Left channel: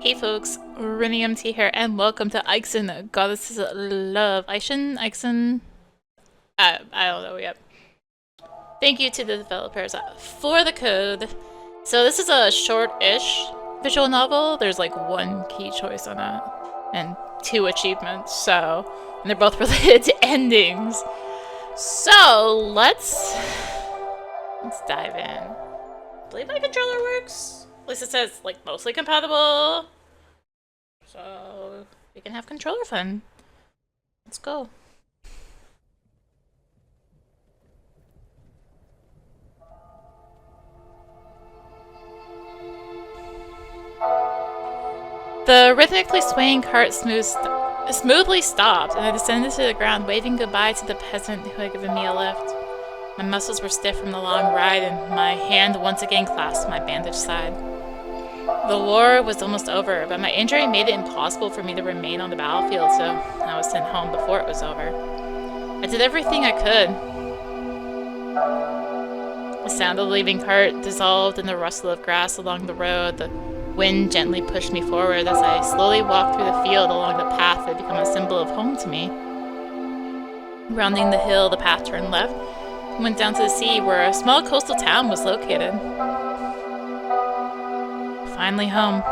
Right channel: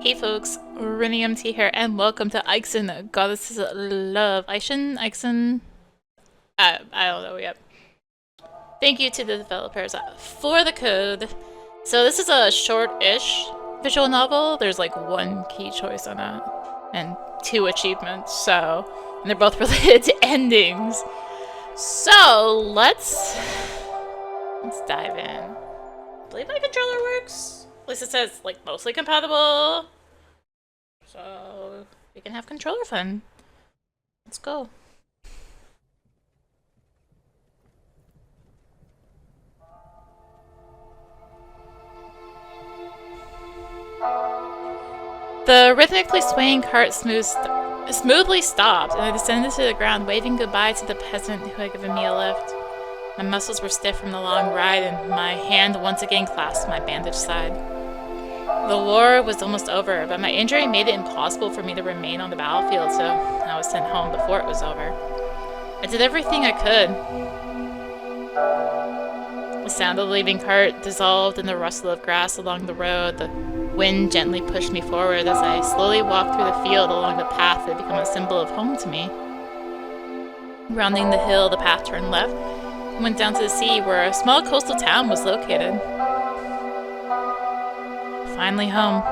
Hey folks, rinimt here, and welcome to AIXIN, Goddesses of Love. AIXIN? I don't know yet. Thank you to the developers for the code. So this is a short-ish visual novel. There's like one key choice on it, and 2 achievements, and they're both related to endings. So let's dive in. I believe my controller works. At least it says like mostly compatible. So we can have controller fun. Let's go. The rhythmically swaying cart smoothly stopped, and I descended to the ground, waving goodbye to the peasant who had given me a lift. My muscles were stiff from the long ride, and my hand once again clasped my bandaged side. The war was almost over, but my injury made it impossible for me to remain on the battlefield, so I was sent home before it was over. I did everything I could. The sound of the leaving cart dissolved in the rustle of grass along the road. The wind gently pushed me forward as I slowly walked through the field along the path that had become a symbol of home to me. Rounding the hill, the path turned left and went down to the sea, where a small coastal town was located. Finally home.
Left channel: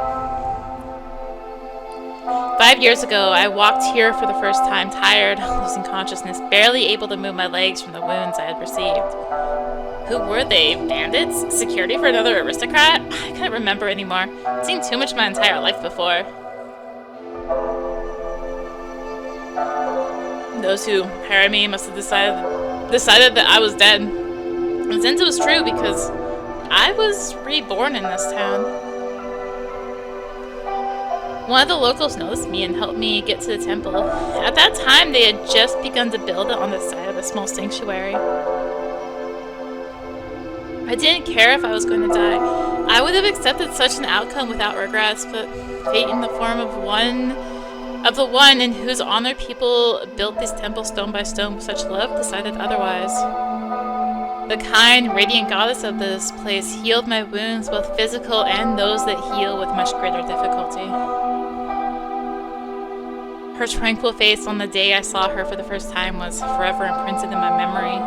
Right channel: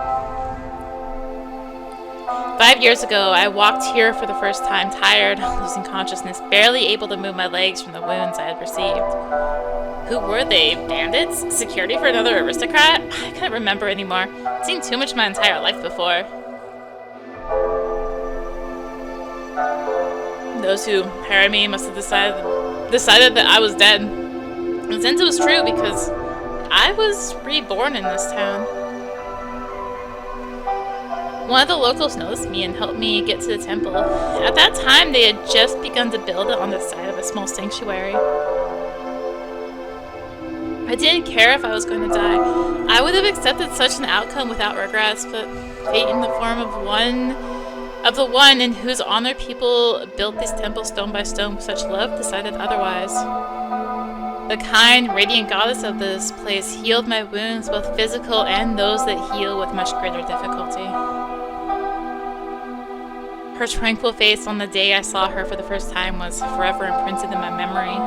5 years ago, I walked here for the first time, tired, losing consciousness, barely able to move my legs from the wounds I had received. Who were they? Bandits? Security for another aristocrat? I couldn't remember anymore. I'd seen too much my entire life before. Those who hired me must have decided that I was dead. And since it was true, because I was reborn in this town. One of the locals noticed me and helped me get to the temple. At that time, they had just begun to build it on the side of a small sanctuary. I didn't care if I was going to die. I would have accepted such an outcome without regrets, but fate in the form of the one in whose honor people built this temple stone by stone with such love decided otherwise. The kind, radiant goddess of this place healed my wounds, both physical and those that heal with much greater difficulty. Her tranquil face on the day I saw her for the first time was forever imprinted in my memory.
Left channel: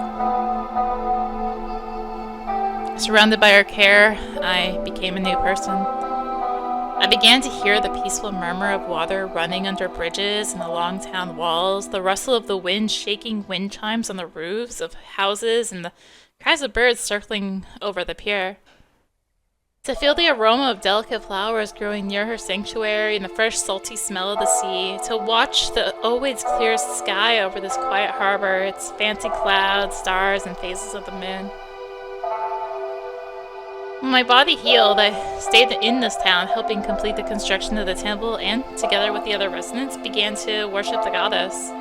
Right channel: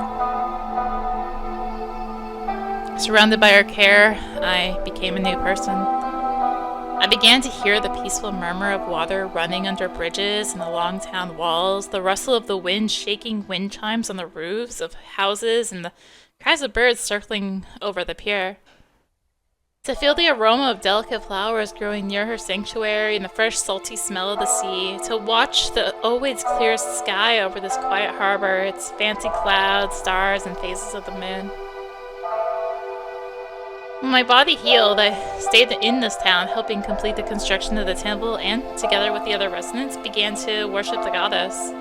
Surrounded by her care, I became a new person. I began to hear the peaceful murmur of water running under bridges and along town walls, the rustle of the wind shaking wind chimes on the roofs of houses, and the cries of birds circling over the pier. To feel the aroma of delicate flowers growing near her sanctuary and the fresh salty smell of the sea, to watch the always clear sky over this quiet harbor, its fancy clouds, stars, and phases of the moon. When my body healed, I stayed in this town, helping complete the construction of the temple, and, together with the other residents, began to worship the goddess.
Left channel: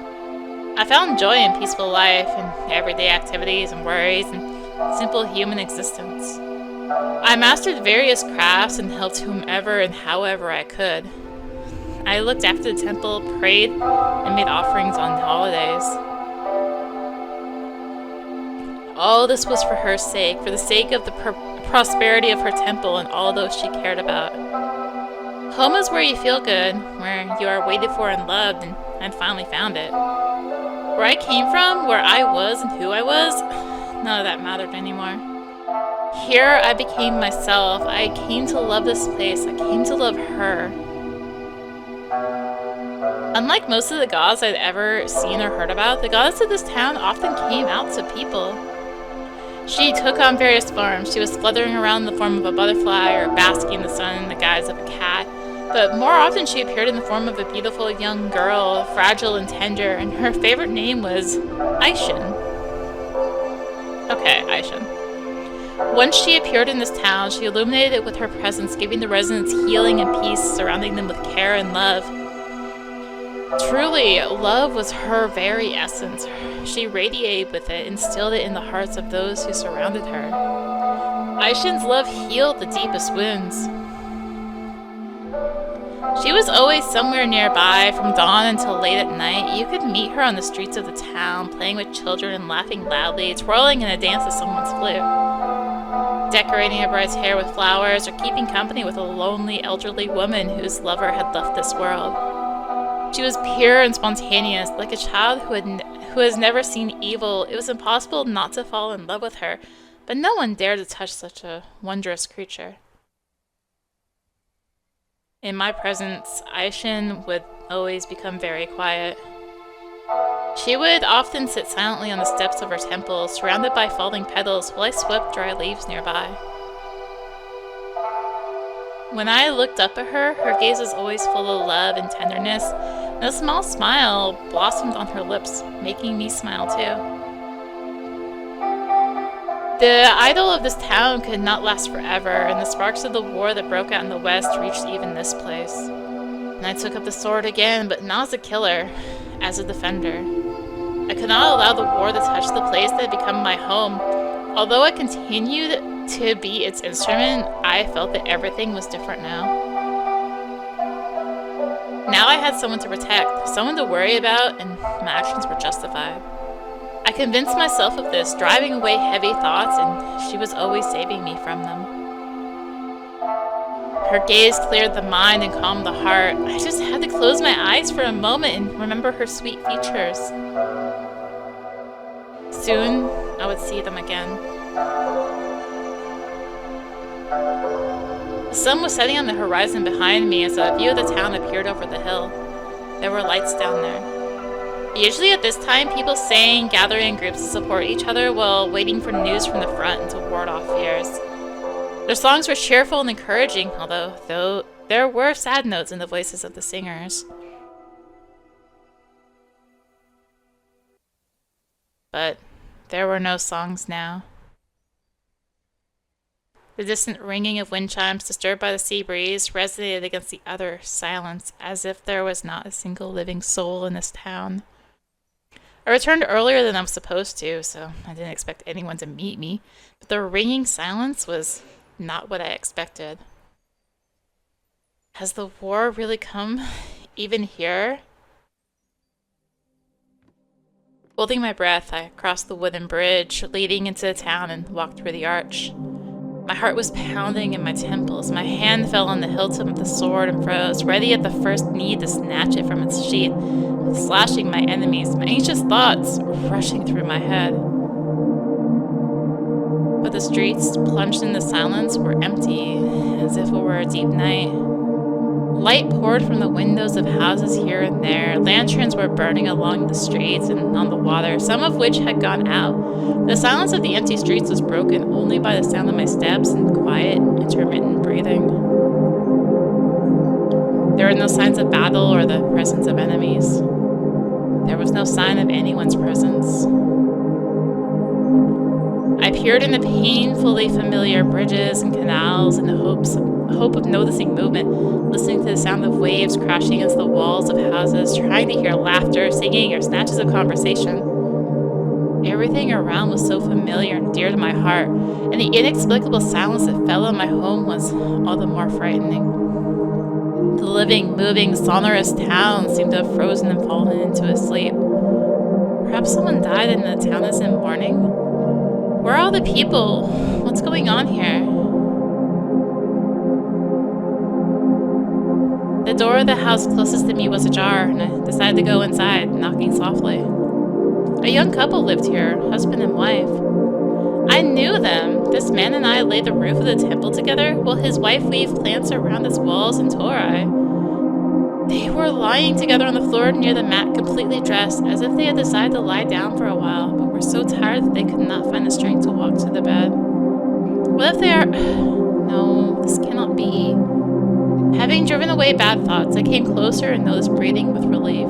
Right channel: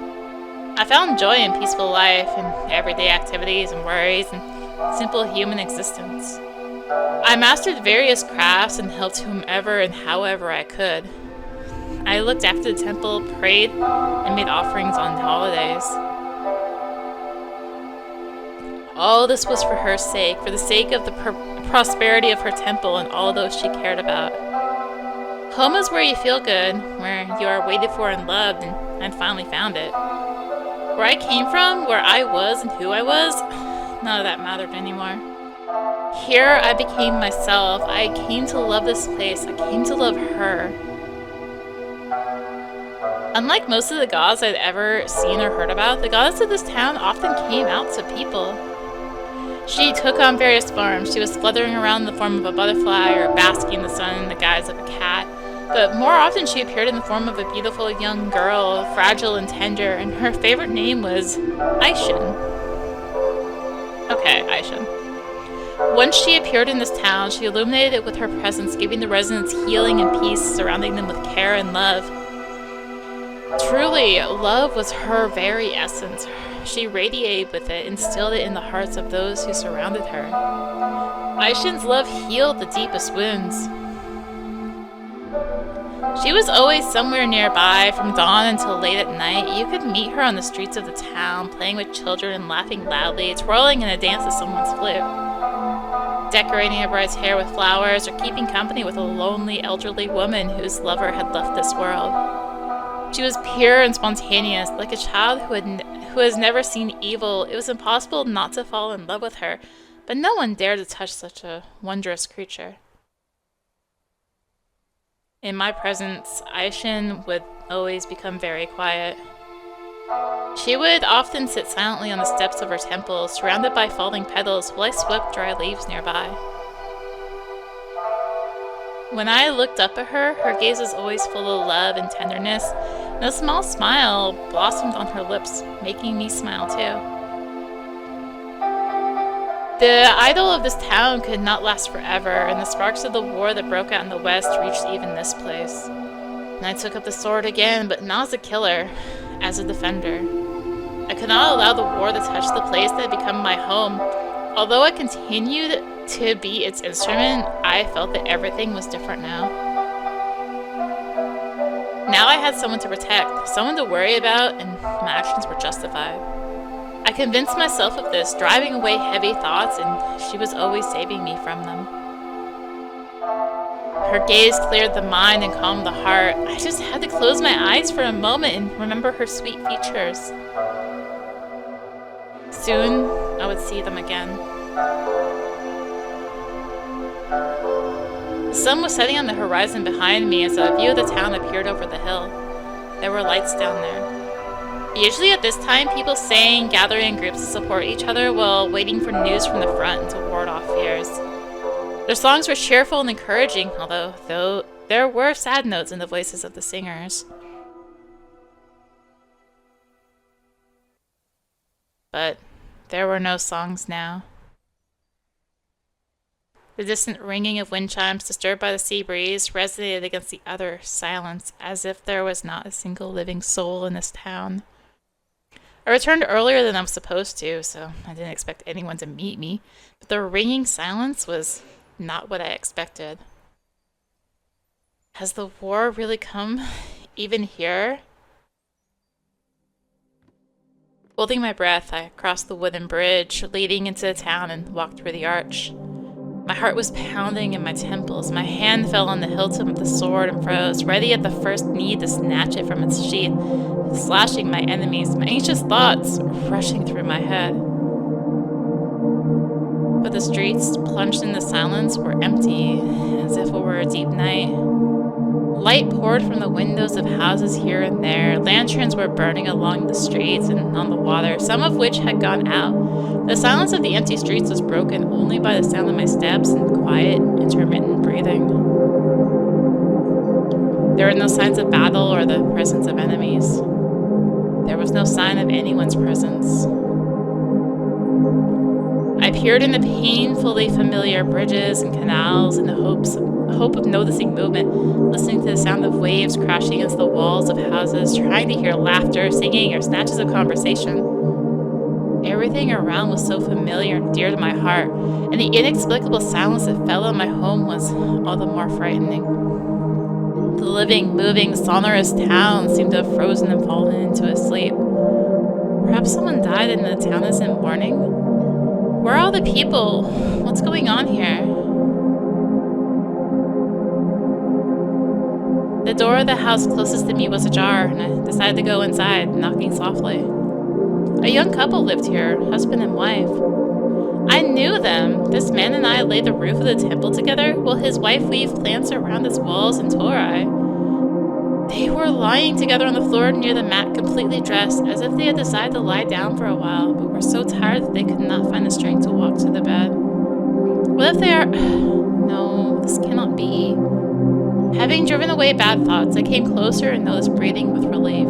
I found joy in peaceful life, and everyday activities and worries, and simple human existence. I mastered various crafts and helped whomever and however I could. I looked after the temple, prayed, and made offerings on holidays. All this was for her sake, for the sake of the prosperity of her temple and all those she cared about. Home is where you feel good, where you are waited for and loved, and I finally found it. Where I came from, where I was and who I was, none of that mattered anymore. Here I became myself. I came to love this place. I came to love her. Unlike most of the gods I'd ever seen or heard about, the goddess of this town often came out to people. She took on various forms. She was fluttering around in the form of a butterfly or basking in the sun in the guise of a cat. But more often she appeared in the form of a beautiful young girl, fragile and tender, and her favorite name was AIXIN. Okay, AIXIN. Once she appeared in this town, she illuminated it with her presence, giving the residents healing and peace, surrounding them with care and love. Truly, love was her very essence. She radiated with it, instilled it in the hearts of those who surrounded her. AIXIN's love healed the deepest wounds. She was always somewhere nearby, from dawn until late at night. You could meet her on the streets of the town, playing with children and laughing loudly, twirling in a dance to someone's flute. decorating her bride's hair with flowers, or keeping company with a lonely elderly woman whose lover had left this world. She was pure and spontaneous, like a child who has never seen evil. It was impossible not to fall in love with her, but no one dared to touch such a wondrous creature. In my presence, AIXIN would always become very quiet. She would often sit silently on the steps of her temple, surrounded by falling petals, while I swept dry leaves nearby. When I looked up at her, her gaze was always full of love and tenderness, and a small smile blossomed on her lips, making me smile too. The idol of this town could not last forever, and the sparks of the war that broke out in the west reached even this place. And I took up the sword again, but not as a killer, as a defender. I could not allow the war to touch the place that had become my home. Although I continued to be its instrument, I felt that everything was different now. Now I had someone to protect, someone to worry about, and my actions were justified. I convinced myself of this, driving away heavy thoughts, and she was always saving me from them. Her gaze cleared the mind and calmed the heart. I just had to close my eyes for a moment and remember her sweet features. Soon, I would see them again. The sun was setting on the horizon behind me as a view of the town appeared over the hill. There were lights down there. Usually at this time, people sang, gathering in groups to support each other while waiting for news from the front and to ward off fears. Their songs were cheerful and encouraging, though there were sad notes in the voices of the singers. But there were no songs now. The distant ringing of wind chimes, disturbed by the sea breeze, resonated against the utter silence, as if there was not a single living soul in this town. I returned earlier than I was supposed to, so I didn't expect anyone to meet me, but the ringing silence was not what I expected. Has the war really come even here? Holding my breath, I crossed the wooden bridge leading into the town and walked through the arch. My heart was pounding in my temples. My hand fell on the hilt of the sword and froze, ready at the first need to snatch it from its sheath, slashing my enemies, my anxious thoughts rushing through my head. But the streets, plunged in the silence, were empty, as if it were a deep night. Light poured from the windows of houses here and there. Lanterns were burning along the streets and on the water, some of which had gone out. The silence of the empty streets was broken only by the sound of my steps and quiet, intermittent breathing. There were no signs of battle or the presence of enemies. There was no sign of anyone's presence. I peered in the painfully familiar bridges and canals in the hope of noticing movement, listening to the sound of waves crashing against the walls of houses, trying to hear laughter, singing, or snatches of conversation. Everything around was so familiar and dear to my heart, and the inexplicable silence that fell on my home was all the more frightening. The living, moving, sonorous town seemed to have frozen and fallen into a sleep. Perhaps someone died and the town is in mourning? Where are all the people? What's going on here? The door of the house closest to me was ajar, and I decided to go inside, knocking softly. A young couple lived here, husband and wife. I knew them. This man and I laid the roof of the temple together, while his wife weaved plants around its walls and Torah. They were lying together on the floor near the mat, completely dressed, as if they had decided to lie down for a while, but were so tired that they could not find the strength to walk to the bed. What if they are... No, this cannot be. Having driven away bad thoughts, I came closer and noticed breathing with relief.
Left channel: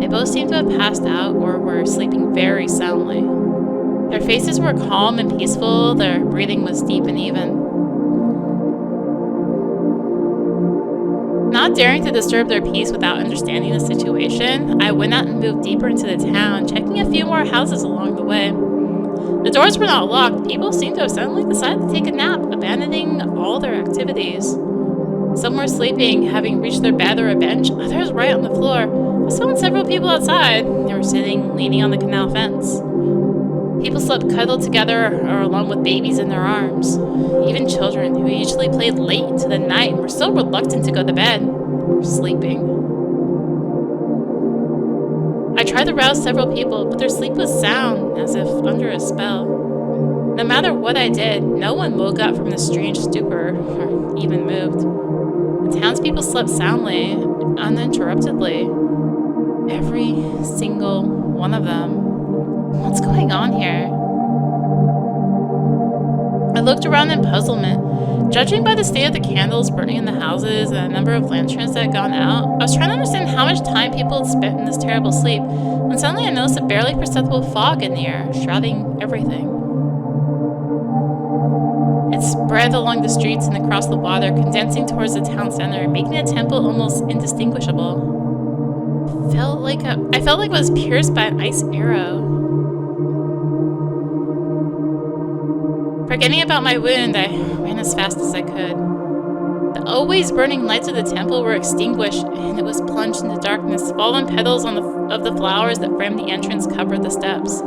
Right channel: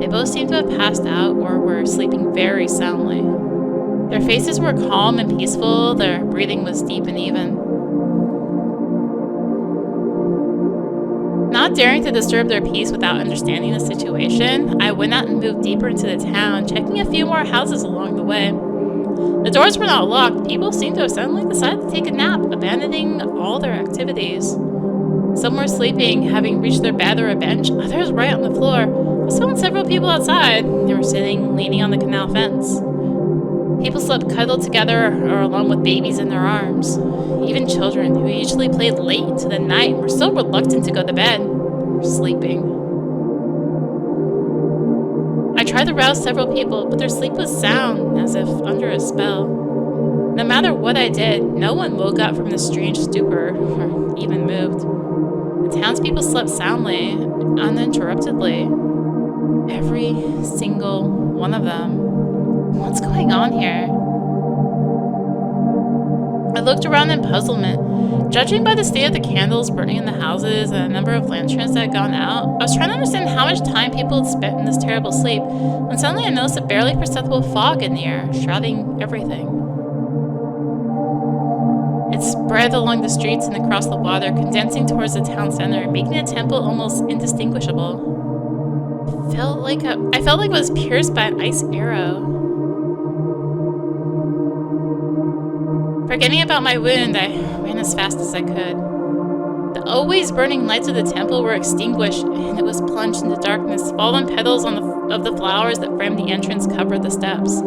They both seemed to have passed out or were sleeping very soundly. Their faces were calm and peaceful, their breathing was deep and even. Not daring to disturb their peace without understanding the situation, I went out and moved deeper into the town, checking a few more houses along the way. The doors were not locked. People seemed to have suddenly decided to take a nap, abandoning all their activities. Some were sleeping, having reached their bed or a bench, others right on the floor. I saw several people outside. They were sitting, leaning on the canal fence. People slept cuddled together or along with babies in their arms. Even children, who usually played late into the night and were still reluctant to go to bed, were sleeping. I tried to rouse several people, but their sleep was sound, as if under a spell. No matter what I did, no one woke up from the strange stupor, or even moved. The townspeople slept soundly, uninterruptedly. Every single one of them. What's going on here? I looked around in puzzlement. Judging by the state of the candles burning in the houses and the number of lanterns that had gone out, I was trying to understand how much time people had spent in this terrible sleep, when suddenly I noticed a barely perceptible fog in the air, shrouding everything. It spread along the streets and across the water, condensing towards the town center, making the temple almost indistinguishable. I felt like I was pierced by an ice arrow. Forgetting about my wound, I ran as fast as I could. The always burning lights of the temple were extinguished, and it was plunged into darkness. Fallen petals of the flowers that framed the entrance covered the steps.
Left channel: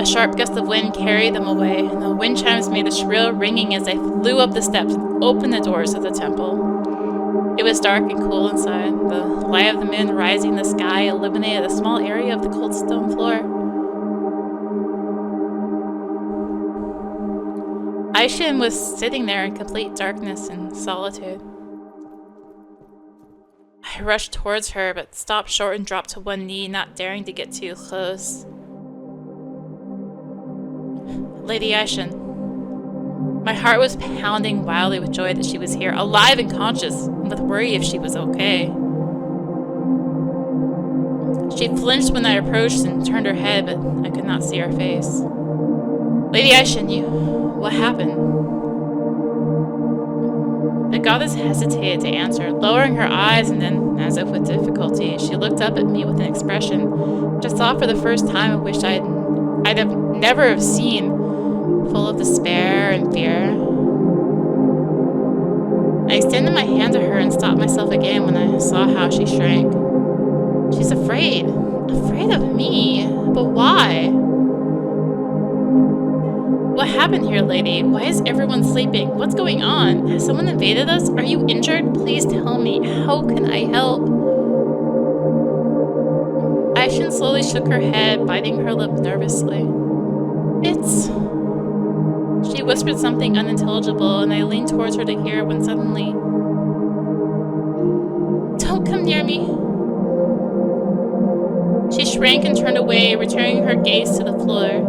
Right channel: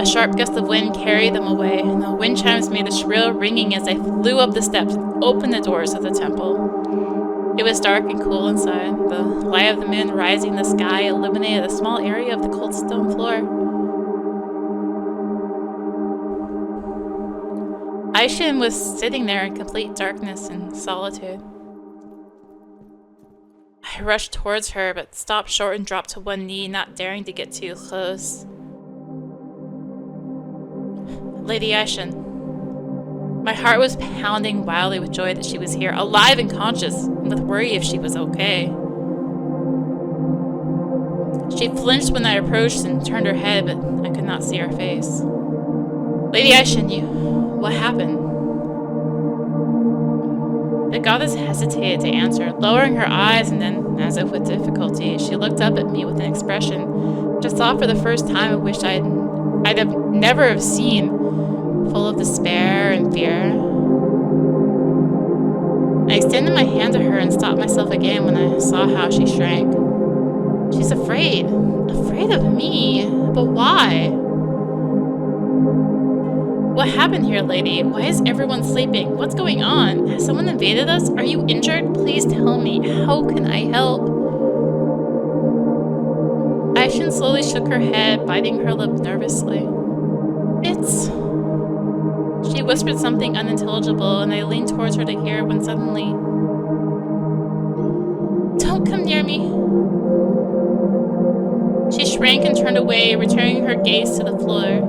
A sharp gust of wind carried them away, and the wind chimes made a shrill ringing as I flew up the steps and opened the doors of the temple. It was dark and cool inside. The light of the moon rising in the sky illuminated a small area of the cold stone floor. AIXIN was sitting there in complete darkness and solitude. I rushed towards her, but stopped short and dropped to one knee, not daring to get too close. Lady AIXIN. My heart was pounding wildly with joy that she was here, alive and conscious, and with worry if she was okay. She flinched when I approached and turned her head, but I could not see her face. Lady AIXIN, what happened? The goddess hesitated to answer, lowering her eyes, and then, as if with difficulty, she looked up at me with an expression which I saw for the first time and wished I'd never have seen, full of despair and fear. I extended my hand to her and stopped myself again when I saw how she shrank. She's afraid. Afraid of me? But why? What happened here, lady? Why is everyone sleeping? What's going on? Has someone invaded us? Are you injured? Please tell me. How can I help? AIXIN slowly shook her head, biting her lip nervously. She whispered something unintelligible, and I leaned towards her to hear when suddenly... Don't come near me. She shrank and turned away, returning her gaze to the floor.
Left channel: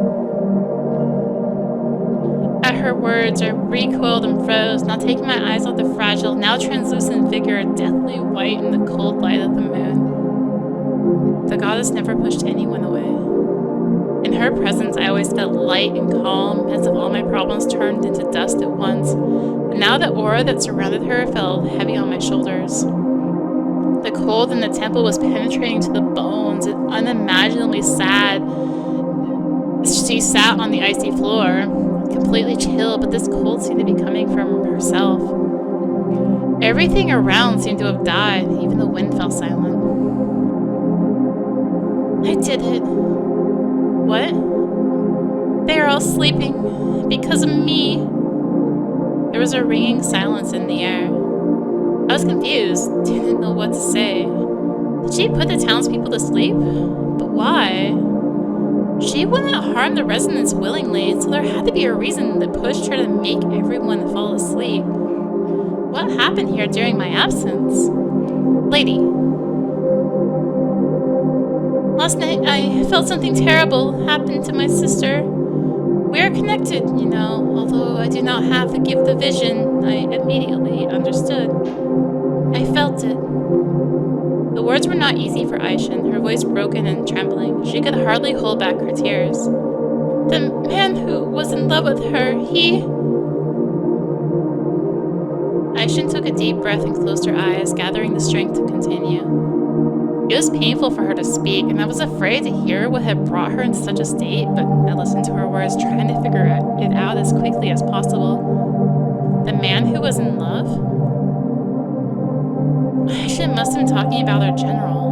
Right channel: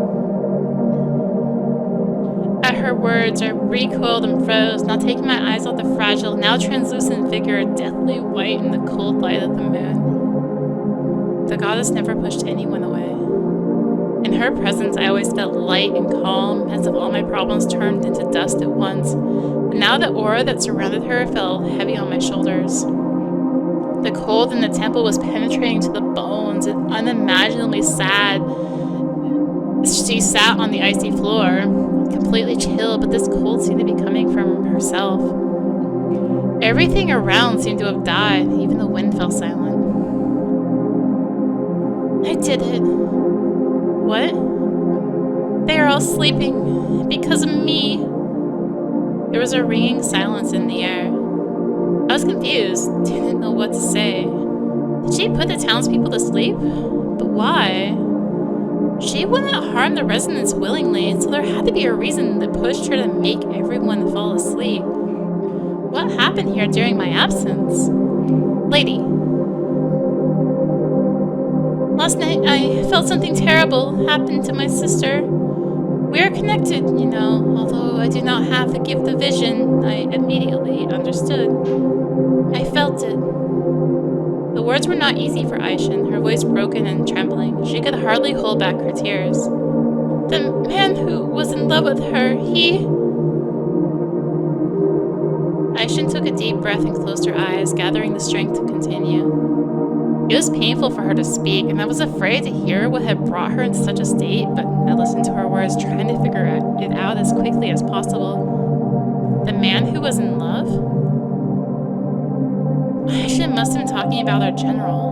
At her words, I recoiled and froze, not taking my eyes off the fragile, now translucent figure, deathly white in the cold light of the moon. The goddess never pushed anyone away. In her presence, I always felt light and calm, as if all my problems turned into dust at once. But now the aura that surrounded her fell heavy on my shoulders. The cold in the temple was penetrating to the bones and unimaginably sad. She sat on the icy floor, completely chill, but this cold seemed to be coming from herself. Everything around seemed to have died, even the wind fell silent. I did it. What? They are all sleeping because of me. There was a ringing silence in the air. I was confused, didn't know what to say. Did she put the townspeople to sleep? But why? She wouldn't harm the residents willingly, so there had to be a reason that pushed her to make everyone fall asleep. What happened here during my absence? Lady. Last night, I felt something terrible happen to my sister. We are connected, you know. Although I do not have the gift of vision, I immediately understood. I felt it. The words were not easy for AIXIN, her voice broken and trembling. She could hardly hold back her tears. The man who was in love with her, AIXIN took a deep breath and closed her eyes, gathering the strength to continue. It was painful for her to speak, and I was afraid to hear what had brought her into such a state, but I listened to her words, trying to figure it out as quickly as possible. The man who was in love? AIXIN must have been talking about our general.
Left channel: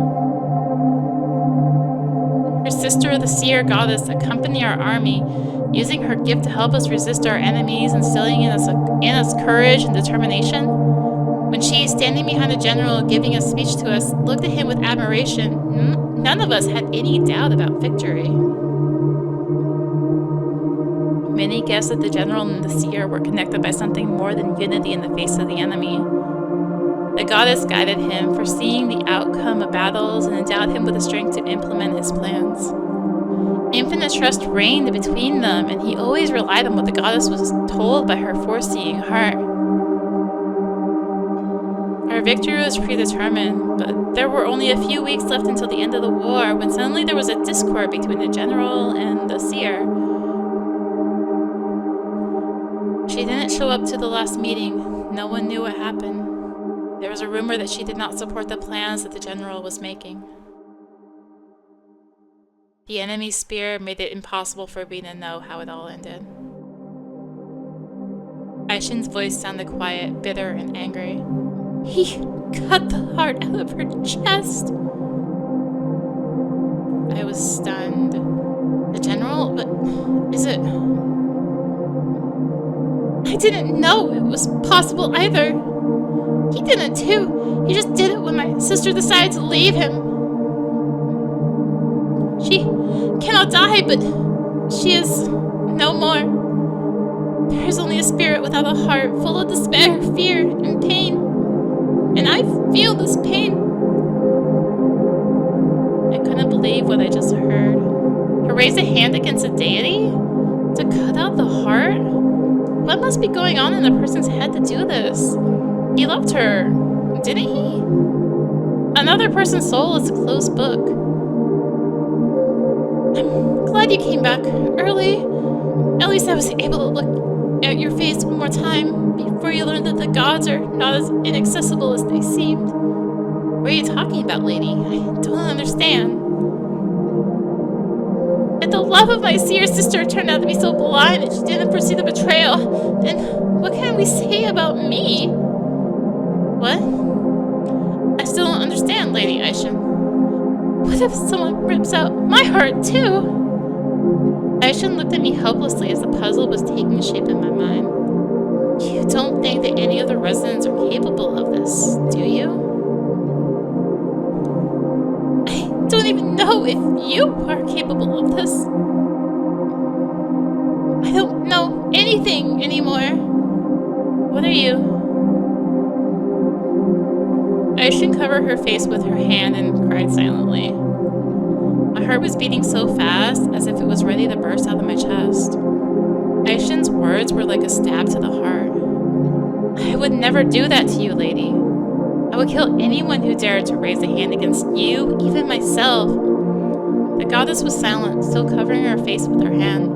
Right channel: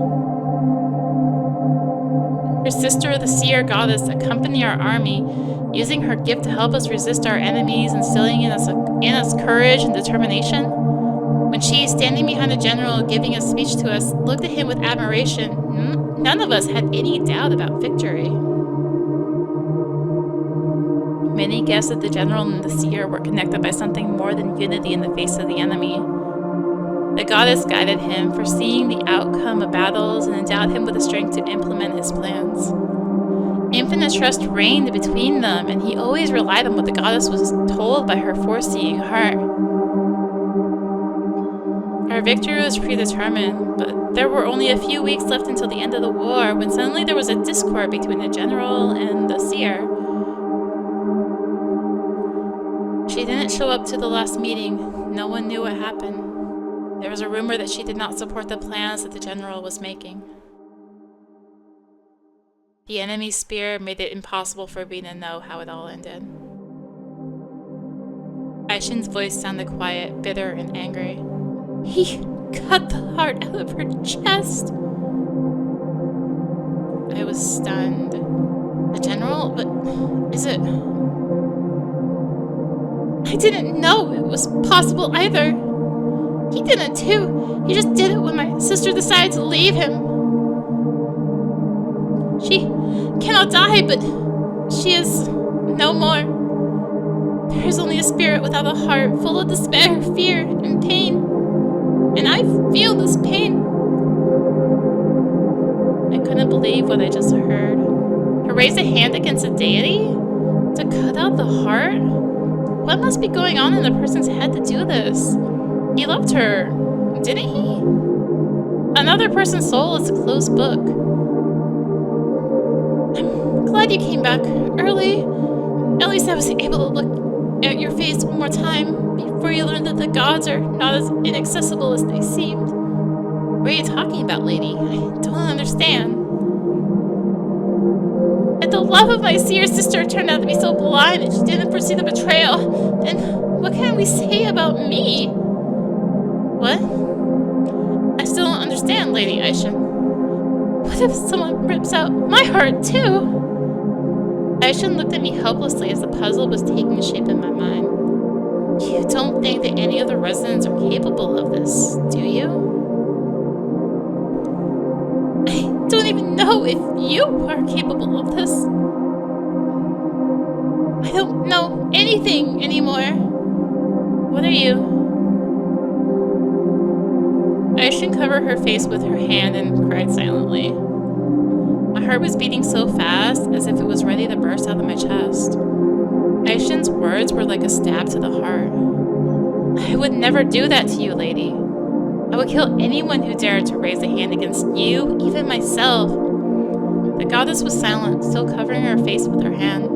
Her sister, the seer goddess, accompany our army, using her gift to help us resist our enemies, instilling in us courage and determination. When she, standing behind the general, giving a speech to us, looked at him with admiration, none of us had any doubt about victory. Many guessed that the general and the seer were connected by something more than unity in the face of the enemy. The goddess guided him, foreseeing the outcome of battles, and endowed him with the strength to implement his plans. Infinite trust reigned between them, and he always relied on what the goddess was told by her foreseeing heart. Our victory was predetermined, but there were only a few weeks left until the end of the war, when suddenly there was a discord between the general and the seer. She didn't show up to the last meeting. No one knew what happened. There was a rumor that she did not support the plans that the general was making. The enemy's spear made it impossible for me to know how it all ended. AIXIN's voice sounded quiet, bitter, and angry. He cut the heart out of her chest. I was stunned. The general? But is it... I didn't know it was possible either. He didn't too. He just did it when my sister decided to leave him. She cannot die, but she is no more. There is only a spirit without a heart, full of despair, fear, and pain. And I feel this pain. I couldn't believe what I just heard. To raise a hand against a deity? To cut out the heart? What must be going on in a person's head to do this? He loved her, didn't he? Another person's soul is a closed book. I'm glad you came back early. At least I was able to look at your face one more time before you learned that the gods are not as inaccessible as they seemed. What are you talking about, lady? I don't understand. If the love of my seer sister turned out to be so blind that she didn't foresee the betrayal, then what can we say about me? What? I still don't understand, Lady AIXIN. What if someone rips out my heart, too? AIXIN looked at me helplessly as the puzzle was taking shape in my mind. You don't think that any of the residents are capable of this, do you? I don't even know if you are capable of this. I don't know anything anymore. What are you? AIXIN covered her face with her hand and cried silently. My heart was beating so fast, as if it was ready to burst out of my chest. AIXIN's words were like a stab to the heart. I would never do that to you, lady. I would kill anyone who dared to raise a hand against you, even myself. The goddess was silent, still covering her face with her hand.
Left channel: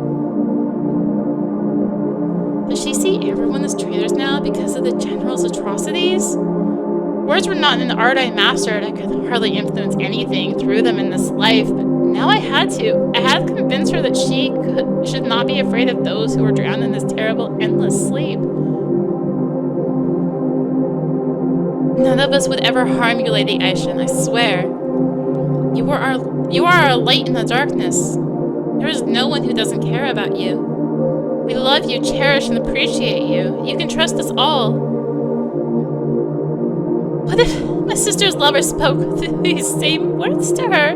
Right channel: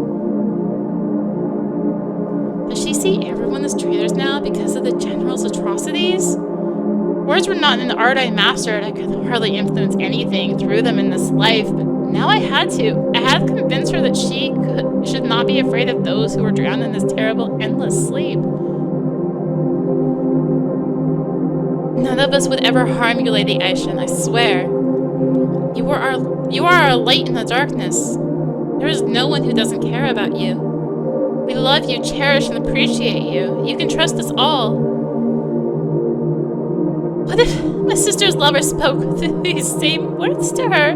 Does she see everyone as traitors now because of the general's atrocities? Words were not an art I mastered. I could hardly influence anything through them in this life, but now I had to. I had to convince her that she should not be afraid of those who were drowned in this terrible, endless sleep. None of us would ever harm you, Lady AIXIN, I swear. You are our light in the darkness. There is no one who doesn't care about you. We love you, cherish, and appreciate you. You can trust us all. What if my sister's lover spoke these same words to her?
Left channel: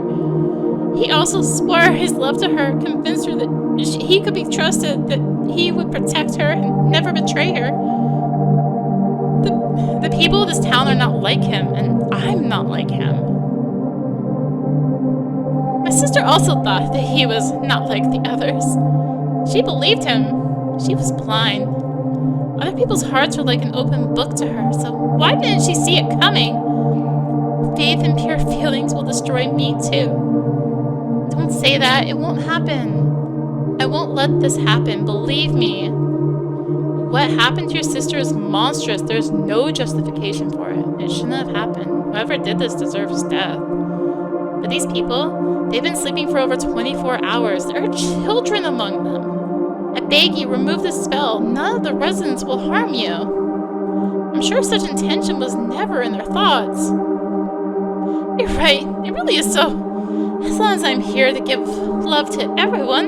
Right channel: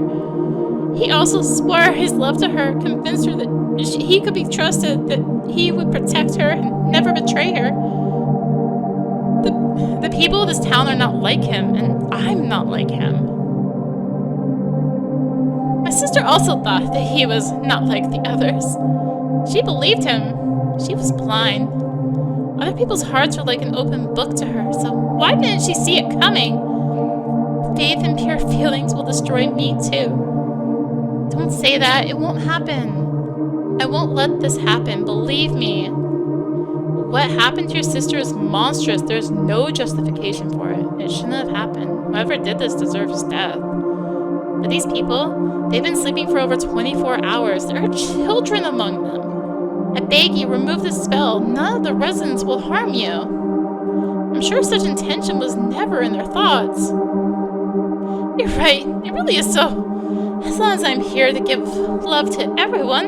He also swore his love to her, convinced her that he could be trusted, that he would protect her and never betray her. The people of this town are not like him, and I'm not like him. My sister also thought that he was not like the others. She believed him. She was blind. Other people's hearts are like an open book to her, so why didn't she see it coming? Faith and pure feelings will destroy me too. Don't say that. It won't happen. I won't let this happen. Believe me. What happened to your sister is monstrous. There's no justification for it. It shouldn't have happened. Whoever did this deserves death. But these people, they've been sleeping for over 24 hours. There are children among them. I beg you, remove the spell. None of the residents will harm you. I'm sure such intention was never in their thoughts. You're right. It really is so As long as I'm here to give love to everyone.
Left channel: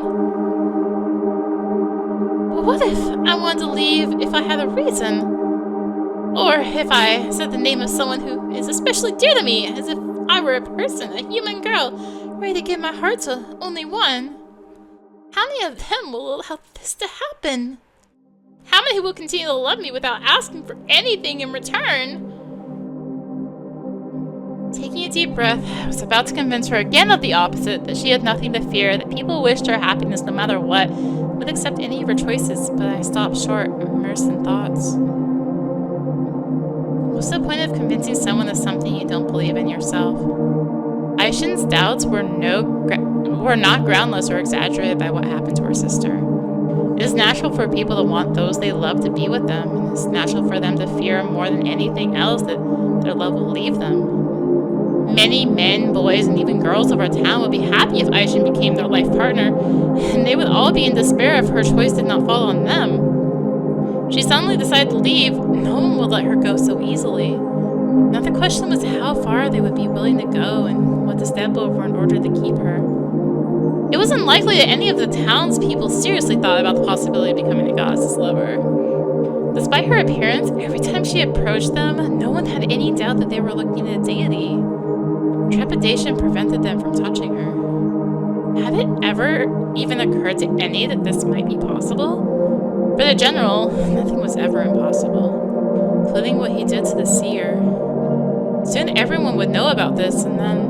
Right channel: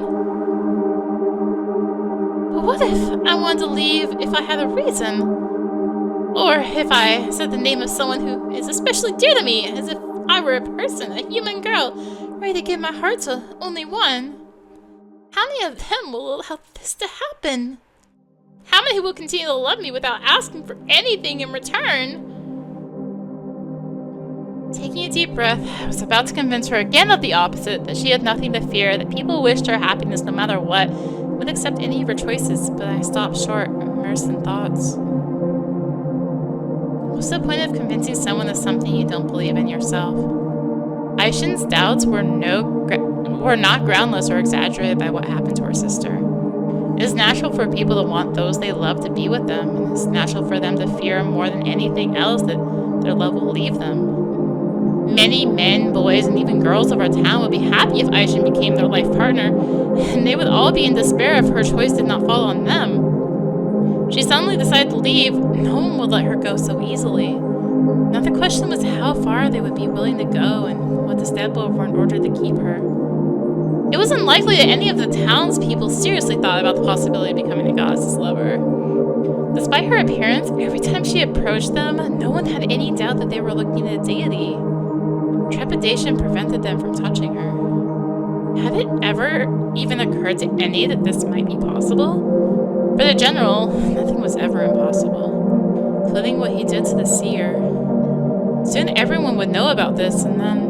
But what if I wanted to leave if I had a reason? Or if I said the name of someone who is especially dear to me, as if I were a person, a human girl, ready to give my heart to only one? How many of them will allow this to happen? How many will continue to love me without asking for anything in return? Taking a deep breath, I was about to convince her again of the opposite, that she had nothing to fear, that people wished her happiness no matter what, would accept any of her choices, but I stopped short, immersed in thoughts. What's the point of convincing someone of something you don't believe in yourself? AIXIN's doubts were not groundless or exaggerated by what happened to her sister. It is natural for people to want those they love to be with them, and it's natural for them to fear more than anything else that their love will leave them. Many men, boys, and even girls of our town would be happy if AIXIN became their life partner, and they would all be in despair if her choice did not fall on them. She suddenly decided to leave. No one would let her go so easily. Now the question was how far they would be willing to go and what to step over in order to keep her. It was unlikely that any of the townspeople seriously thought about the possibility of becoming the goddess's lover. Despite her appearance, every time she approached them, no one had any doubt that they were looking at a deity. Trepidation prevented them from touching her. Had it ever even occurred to any that this might be possible? For the general, nothing was ever impossible, including what he did to the seer. Soon everyone would know about this, and then...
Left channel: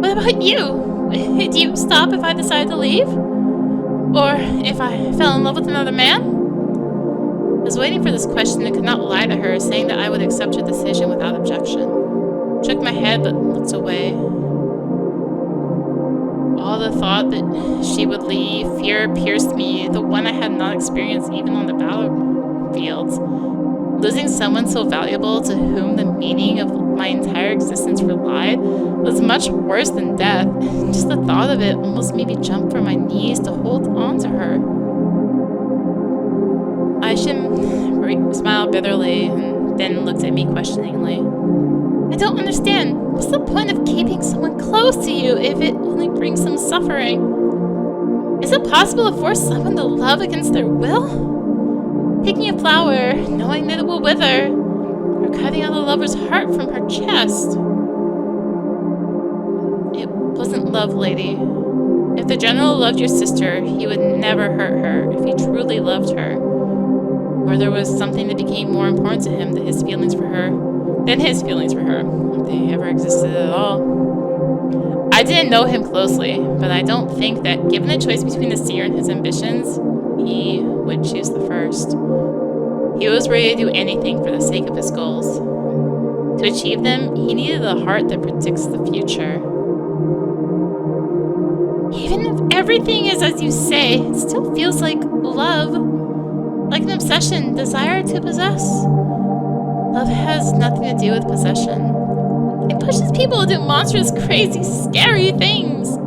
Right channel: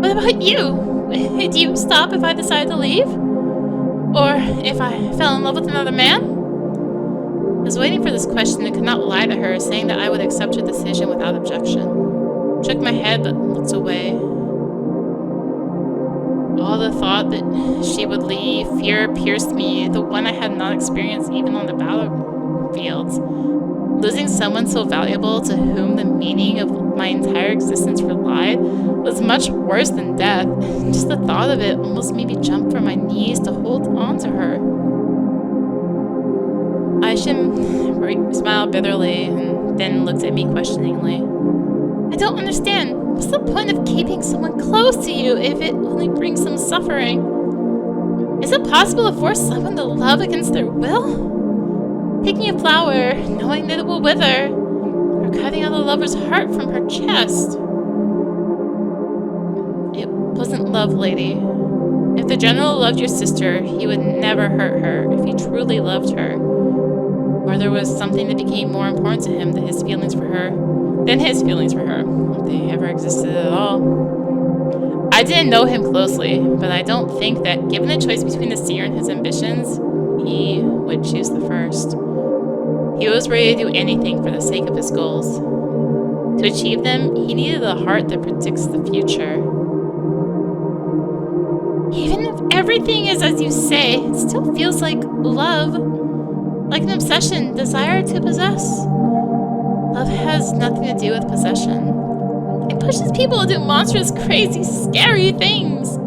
What about you? Would you stop if I decided to leave? Or if I fell in love with another man? I was waiting for this question and could not lie to her, saying that I would accept her decision without objection. Shook my head but looked away. All the thought that she would leave, fear pierced me, the one I had not experienced even on the battlefields. Losing someone so valuable to whom the meaning of my entire existence relied was much worse than death. Just the thought of it almost made me jump from my knees to hold on to her. AIXIN smiled bitterly and then looked at me questioningly. I don't understand. What's the point of keeping someone close to you if it only brings them suffering? Is it possible to force someone to love against their will? Picking a flower, knowing that it will wither, or cutting out a lover's heart from her chest? It wasn't love, lady. If the general loved your sister, he would never hurt her if he truly loved her. Or there was something that became more important to him than his feelings for her, if they ever existed at all. I didn't know him closely, but I don't think that, given the choice between the seer and his ambitions, he would choose the first. He was ready to do anything for the sake of his goals. To achieve them, he needed a heart that predicts the future. Even if everything is as you say, it still feels like love. Like an obsession, desire to possess. Love has nothing to do with possession. It pushes people to do monstrous, crazy, scary things.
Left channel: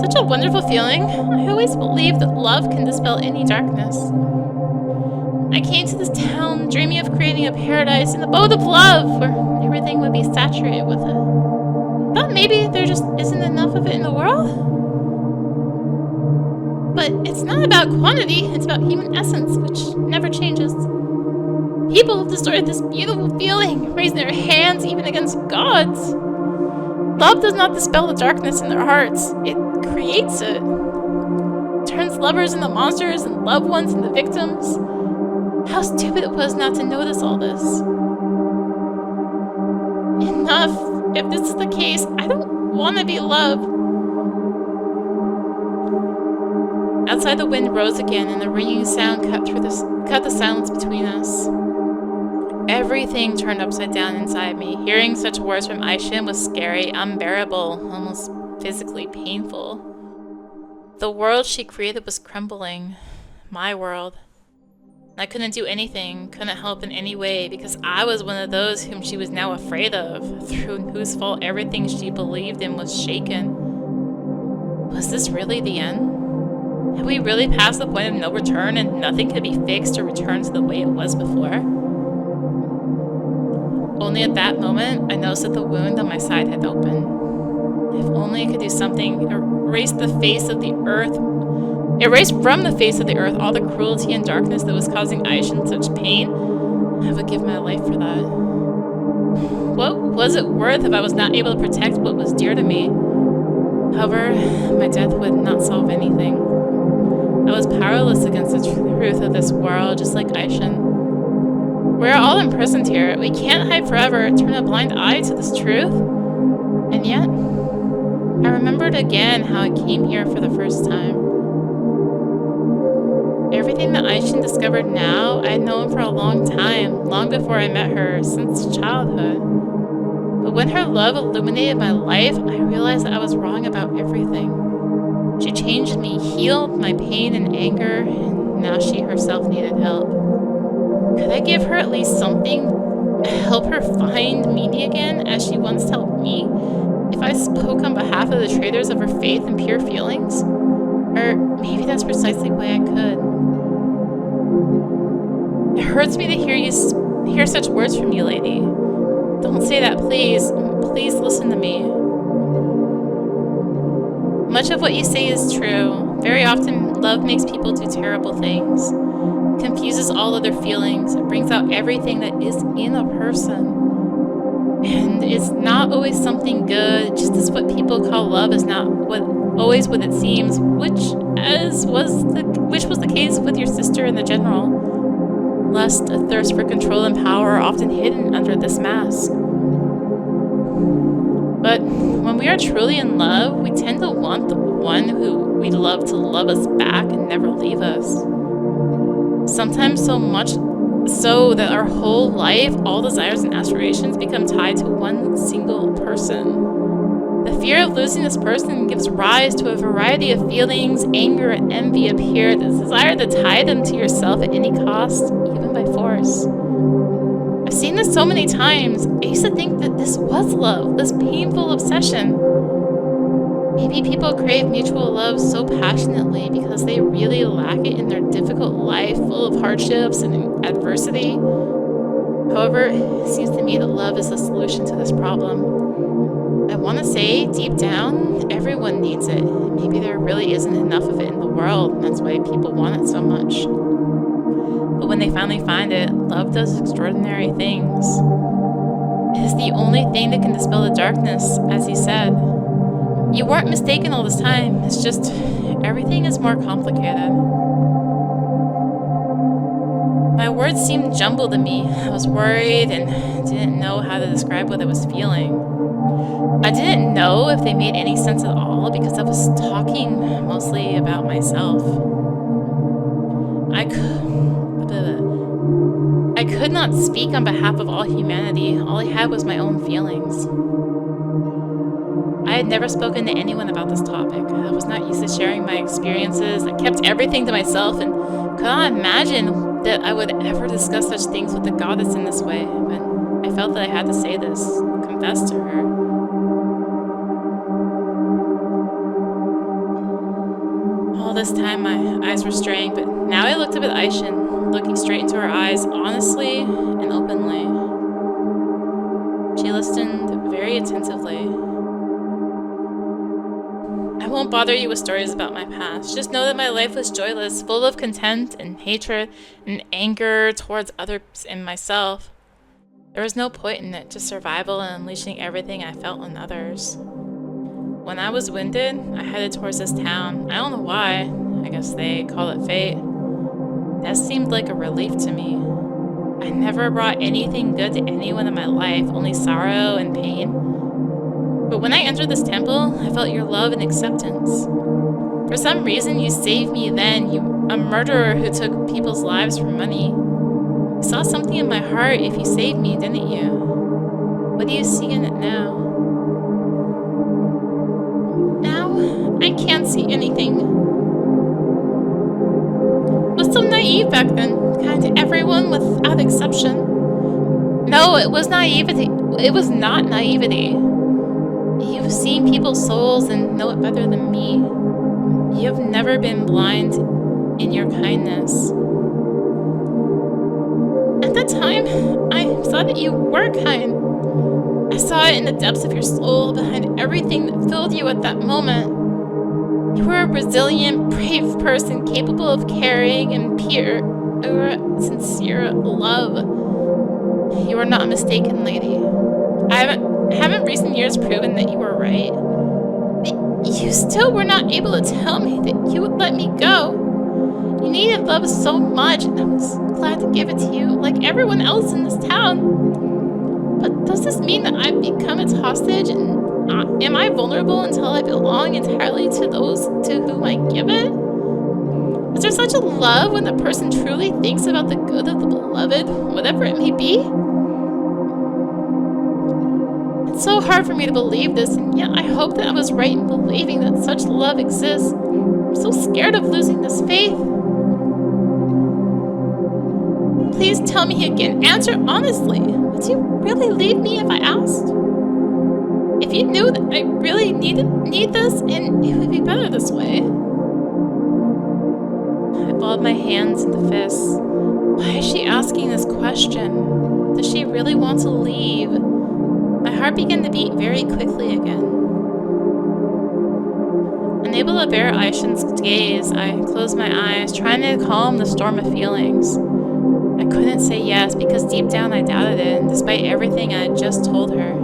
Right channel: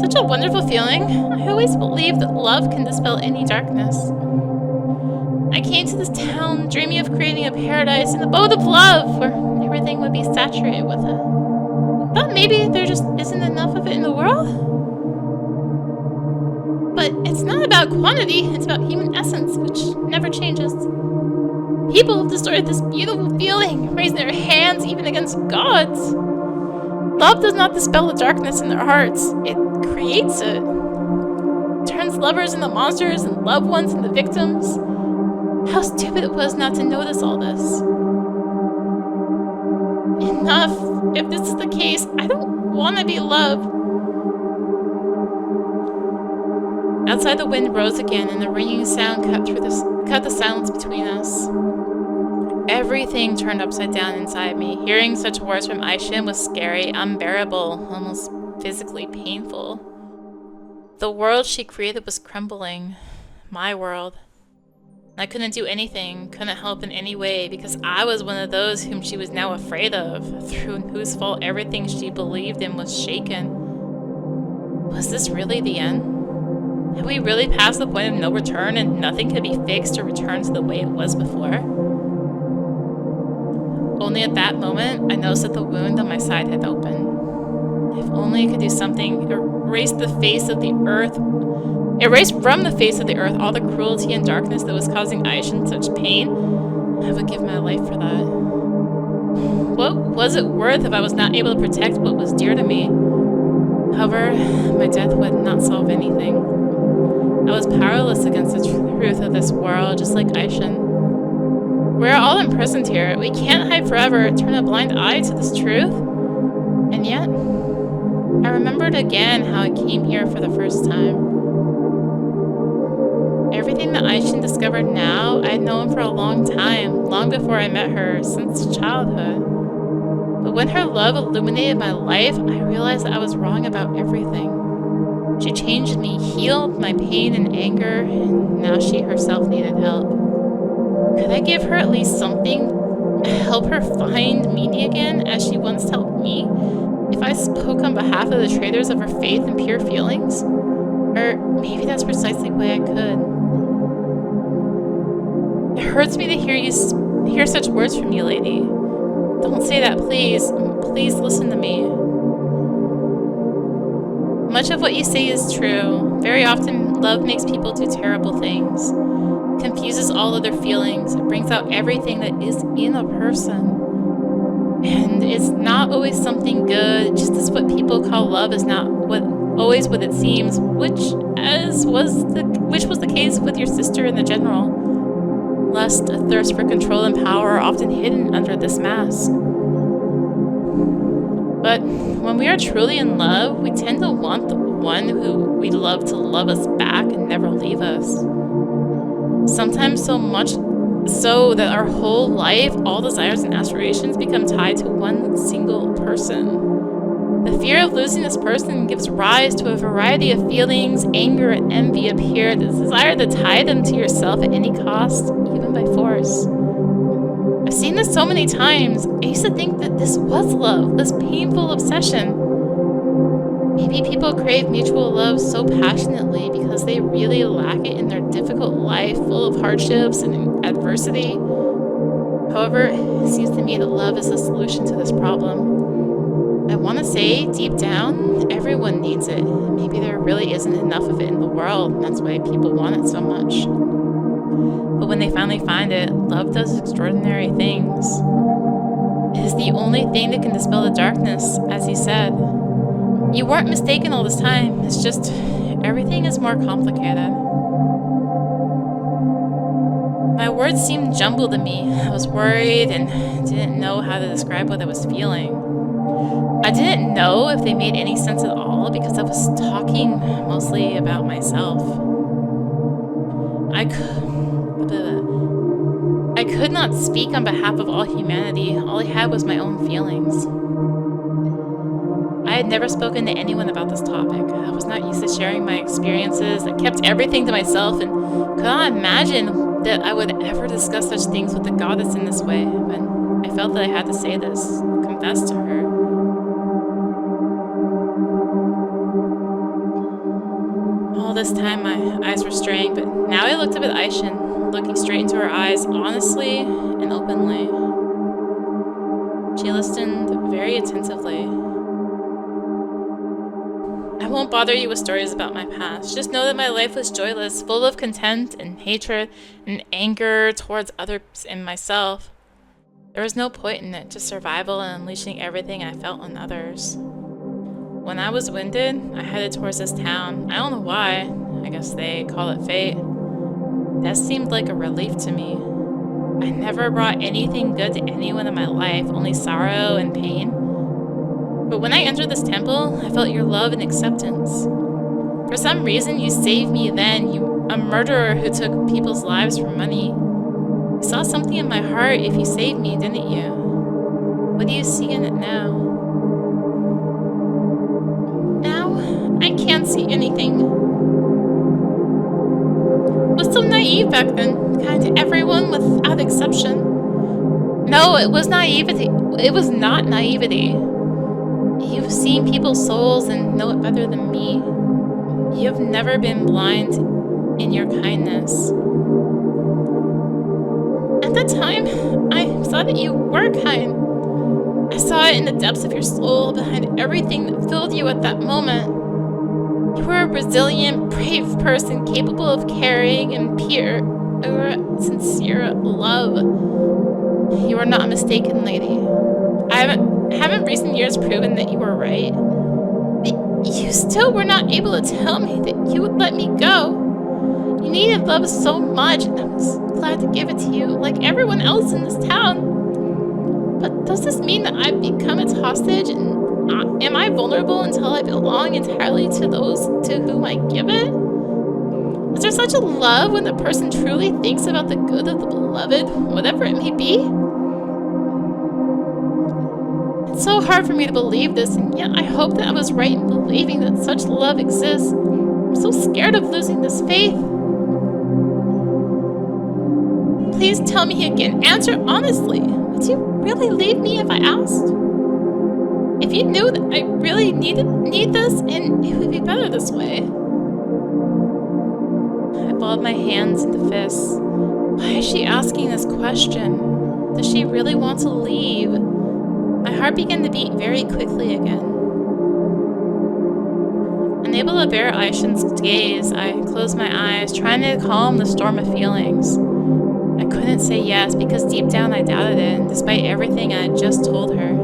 Such a wonderful feeling. I always believed that love can dispel any darkness. I came to this town dreaming of creating a paradise in the abode of love, where everything would be saturated with it. Thought maybe there just isn't enough of it in the world? But it's not about quantity, it's about human essence, which never changes. People have destroyed this beautiful feeling, raising their hands even against gods. Love does not dispel the darkness in their hearts, it creates it. Turns lovers into monsters and loved ones into victims. How stupid it was not to notice all this. Enough. If this is the case, I don't want to be loved. Outside, the wind rose again, and the ringing sound cut the silence between us. Everything turned upside down inside me. Hearing such words from AIXIN was scary, unbearable, almost physically painful. The world she created was crumbling. My world. I couldn't do anything, couldn't help in any way, because I was one of those whom she was now afraid of, through whose fault everything she believed in was shaken. Was this really the end? Had we really passed the point of no return and nothing could be fixed or returned to the way it was before? Only at that moment, I noticed that the wound on my side had opened. If only I could do something, erase from the face of the earth all the cruelty and darkness that was causing AIXIN such pain, I would give my life for that. What was it worth if I was not able to protect what was dear to me? However, my death would not solve anything. I was powerless against the truth of this world, just like AIXIN. We're all imprisoned here. We can't hide forever, turn a blind eye to this truth. And yet, I remembered again how I came here for the first time. Everything that AIXIN discovered now, I had known for a long time, long before I met her, since childhood. But when her love illuminated my life, I realized that I was wrong about everything. She changed me, healed my pain and anger, and now she herself needed help. Could I give her at least something? Help her find meaning again, as she once helped me? If I spoke on behalf of the traitors of her faith and pure feelings? Or maybe that's precisely why I could. It hurts me to hear such words from you, lady. Don't say that, please. Please listen to me. Much of what you say is true. Very often, love makes people do terrible things. Confuses all other feelings. It brings out everything that is in a person. And it's not always something good. Just as what people call love is not always what it seems, which was the case with your sister and the general. Lust, a thirst for control and power are often hidden under this mask. But when we are truly in love, we tend to want the one who we love to love us back and never leave us. Sometimes so much so that our whole life, all desires and aspirations become tied to one single person. The fear of losing this person gives rise to a variety of feelings. Anger and envy appear, the desire to tie them to yourself at any cost, even by force. I've seen this so many times. I used to think that this was love, this painful obsession. Maybe people crave mutual love so passionately because they really lack it in their difficult life full of hardships and adversity. However, it seems to me that love is the solution to this problem. I want to say, deep down, everyone needs it. Maybe there really isn't enough of it in the world, and that's why people want it so much. But when they finally find it, love does extraordinary things. It is the only thing that can dispel the darkness, as he said. You weren't mistaken all this time, it's just everything is more complicated. My words seemed jumbled to me. I was worried and didn't know how to describe what I was feeling. I didn't know if they made any sense at all because I was talking mostly about myself. I could not speak on behalf of all humanity. All I had was my own feelings. I had never spoken to anyone about this topic. I was not used to sharing my experiences. I kept everything to myself and could not imagine that I would ever discuss such things with the goddess in this way. But I felt that I had to say this, confess to her. All this time my eyes were straying, but now I looked up at AIXIN, looking straight into her eyes, honestly and openly. She listened very attentively. I won't bother you with stories about my past. Just know that my life was joyless, full of contempt and hatred and anger towards others and myself. There was no point in it, just survival and unleashing everything I felt on others. When I was winded, I headed towards this town. I don't know why. I guess they call it fate. That seemed like a relief to me. I never brought anything good to anyone in my life, only sorrow and pain. But when I entered this temple, I felt your love and acceptance. For some reason, you saved me then, you a murderer who took people's lives for money. You saw something in my heart if you saved me, didn't you? What do you see in it now? Now, I can't see anything. I was so naive back then, kind to everyone without exception. No, it was naivety. It was not naivety. You've seen people's souls and know it better than me. You have never been blind in your kindness. And At that time, I saw that you were kind. I saw it in the depths of your soul, behind everything that filled you at that moment. You were a resilient, brave person capable of caring and pure, sincere love. You are not mistaken, lady. Haven't recent years proven that you were right? But you still were not able to tell me that you would let me go. You needed love so much, and I was glad to give it to you, like everyone else in this town. But does this mean that I've become its hostage, and am I vulnerable until I belong entirely to those to whom I give it? Is there such a love when the person truly thinks about the good of the beloved, whatever it may be? It's so hard for me to believe this, and yet I hope that I was right in believing that such love exists. I'm so scared of losing this faith. Please tell me again. Answer honestly. Would you really leave me if I asked? If you knew that I really need this, and it would be better this way. I balled my hands into fists. Why is she asking this question? Does she really want to leave? My heart began to beat very quickly again. Unable to bear AIXIN's gaze, I closed my eyes, trying to calm the storm of feelings. I couldn't say yes because deep down I doubted it, despite everything I had just told her.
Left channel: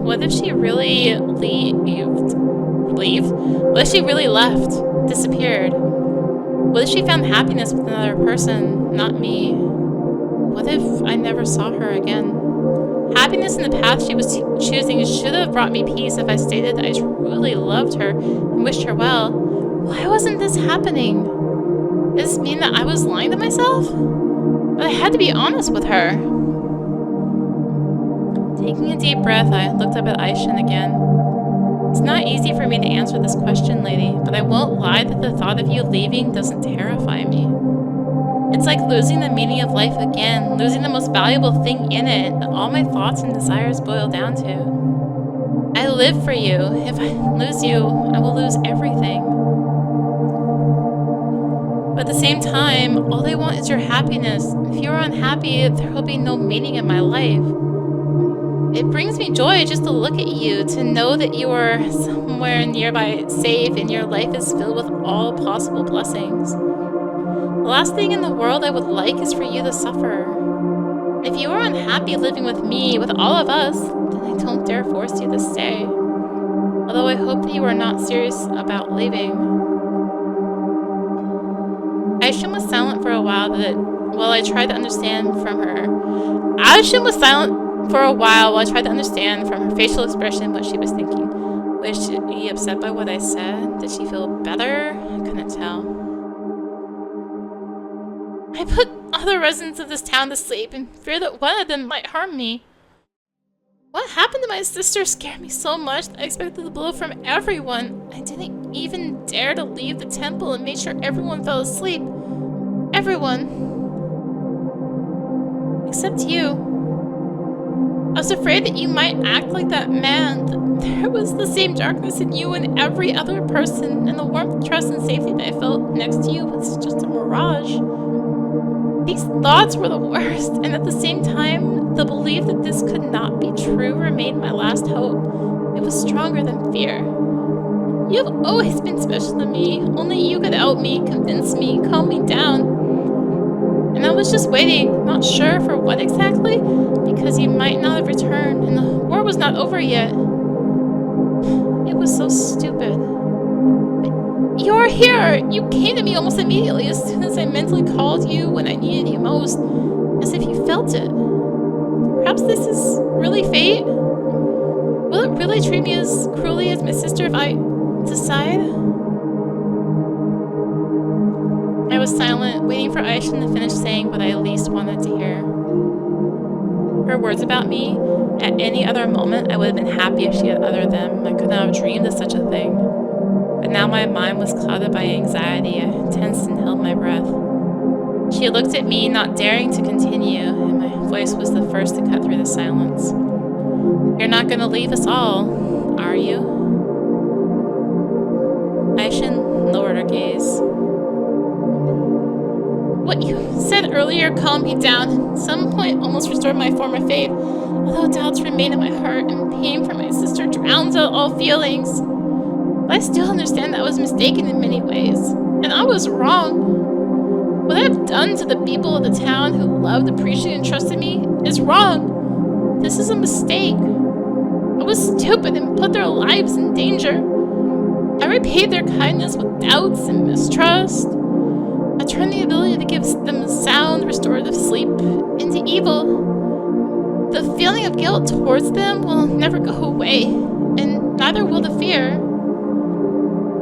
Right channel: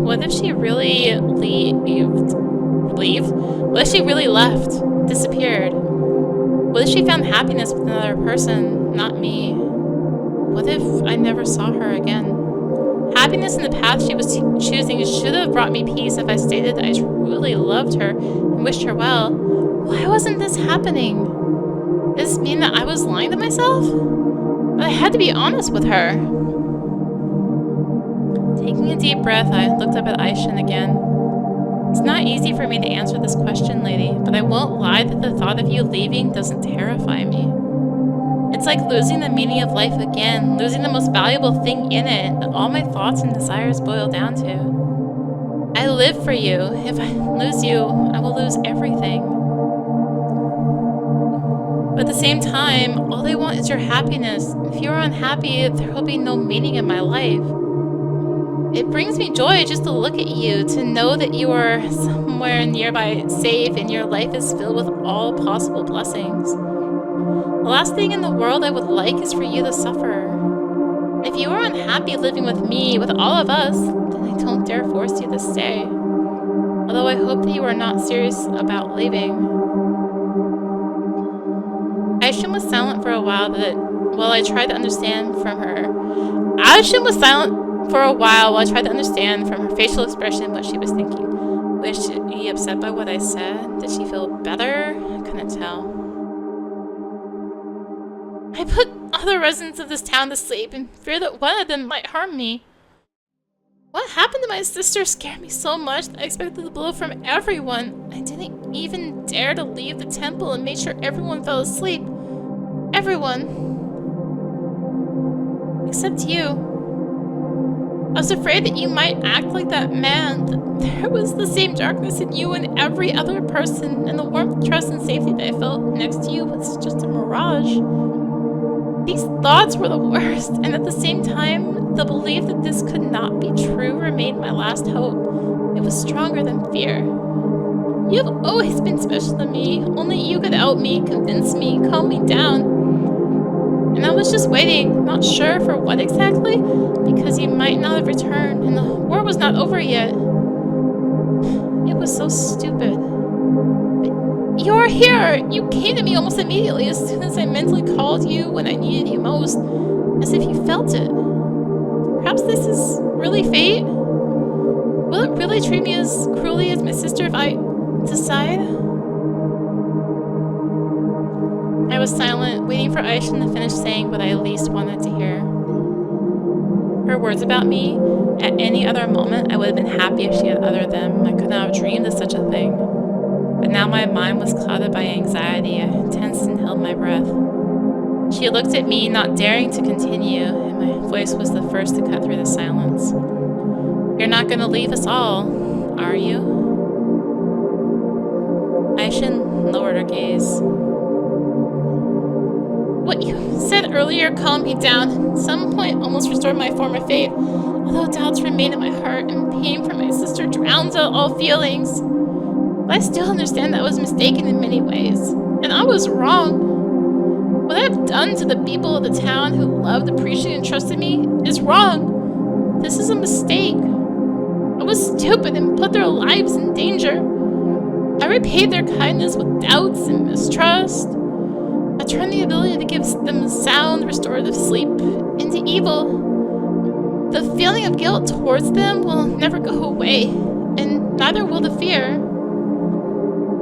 What if she really leaved? What if she really left? Disappeared? What if she found happiness with another person, not me? What if I never saw her again? Happiness in the path she was choosing should have brought me peace if I stated that I truly loved her and wished her well. Why wasn't this happening? Does this mean that I was lying to myself? But I had to be honest with her. Taking a deep breath, I looked up at AIXIN again. It's not easy for me to answer this question, lady, but I won't lie that the thought of you leaving doesn't terrify me. It's like losing the meaning of life again, losing the most valuable thing in it that all my thoughts and desires boil down to. I live for you. If I lose you, I will lose everything. But at the same time, all I want is your happiness. If you're unhappy, there will be no meaning in my life. It brings me joy just to look at you, to know that you are somewhere nearby safe and your life is filled with all possible blessings. The last thing in the world I would like is for you to suffer. If you are unhappy living with me, with all of us, then I don't dare force you to stay. Although I hope that you are not serious about leaving. AIXIN was silent for a while while I tried to understand from her. AIXIN was silent for a while while I tried to understand from her facial expression what she was thinking. Was she upset by what I said? Did she feel better? I couldn't tell. I put all the residents of this town to sleep in fear that one of them might harm me. What happened to my sister scared me so much that I expected the blow from everyone. I didn't even dare to leave the temple and made sure everyone fell asleep. Everyone. Except you. I was afraid that you might act like that man, that there was the same darkness in you and every other person, and the warmth, trust, and safety that I felt next to you was just a mirage. These thoughts were the worst, and at the same time, the belief that this could not be true remained my last hope. It was stronger than fear. You have always been special to me. Only you could help me, convince me, calm me down. And I was just waiting, not sure for what exactly, because you might not have returned, and the war was not over yet. It was so stupid. But you're here! You came to me almost immediately as soon as I mentally called you when I needed you most, as if you felt it. Perhaps this is really fate? Will it really treat me as cruelly as my sister if I decide? I was silent, waiting for AIXIN to finish saying what I least wanted to hear. Her words about me, at any other moment I would have been happy if she had uttered them. I could not have dreamed of such a thing. But now my mind was clouded by anxiety. I tensed and held my breath. She looked at me, not daring to continue, and my voice was the first to cut through the silence. You're not going to leave us all, are you? AIXIN lowered her gaze. What you said earlier calmed me down, and at some point almost restored my former faith. Although doubts remain in my heart, and pain for my sister drowns out all feelings. But I still understand that I was mistaken in many ways, and I was wrong. What I have done to the people of the town who loved, appreciated, and trusted me is wrong. This is a mistake. I was stupid and put their lives in danger. I repaid their kindness with doubts and mistrust. I turned the ability to give them sound, restorative sleep into evil. The feeling of guilt towards them will never go away, and neither will the fear.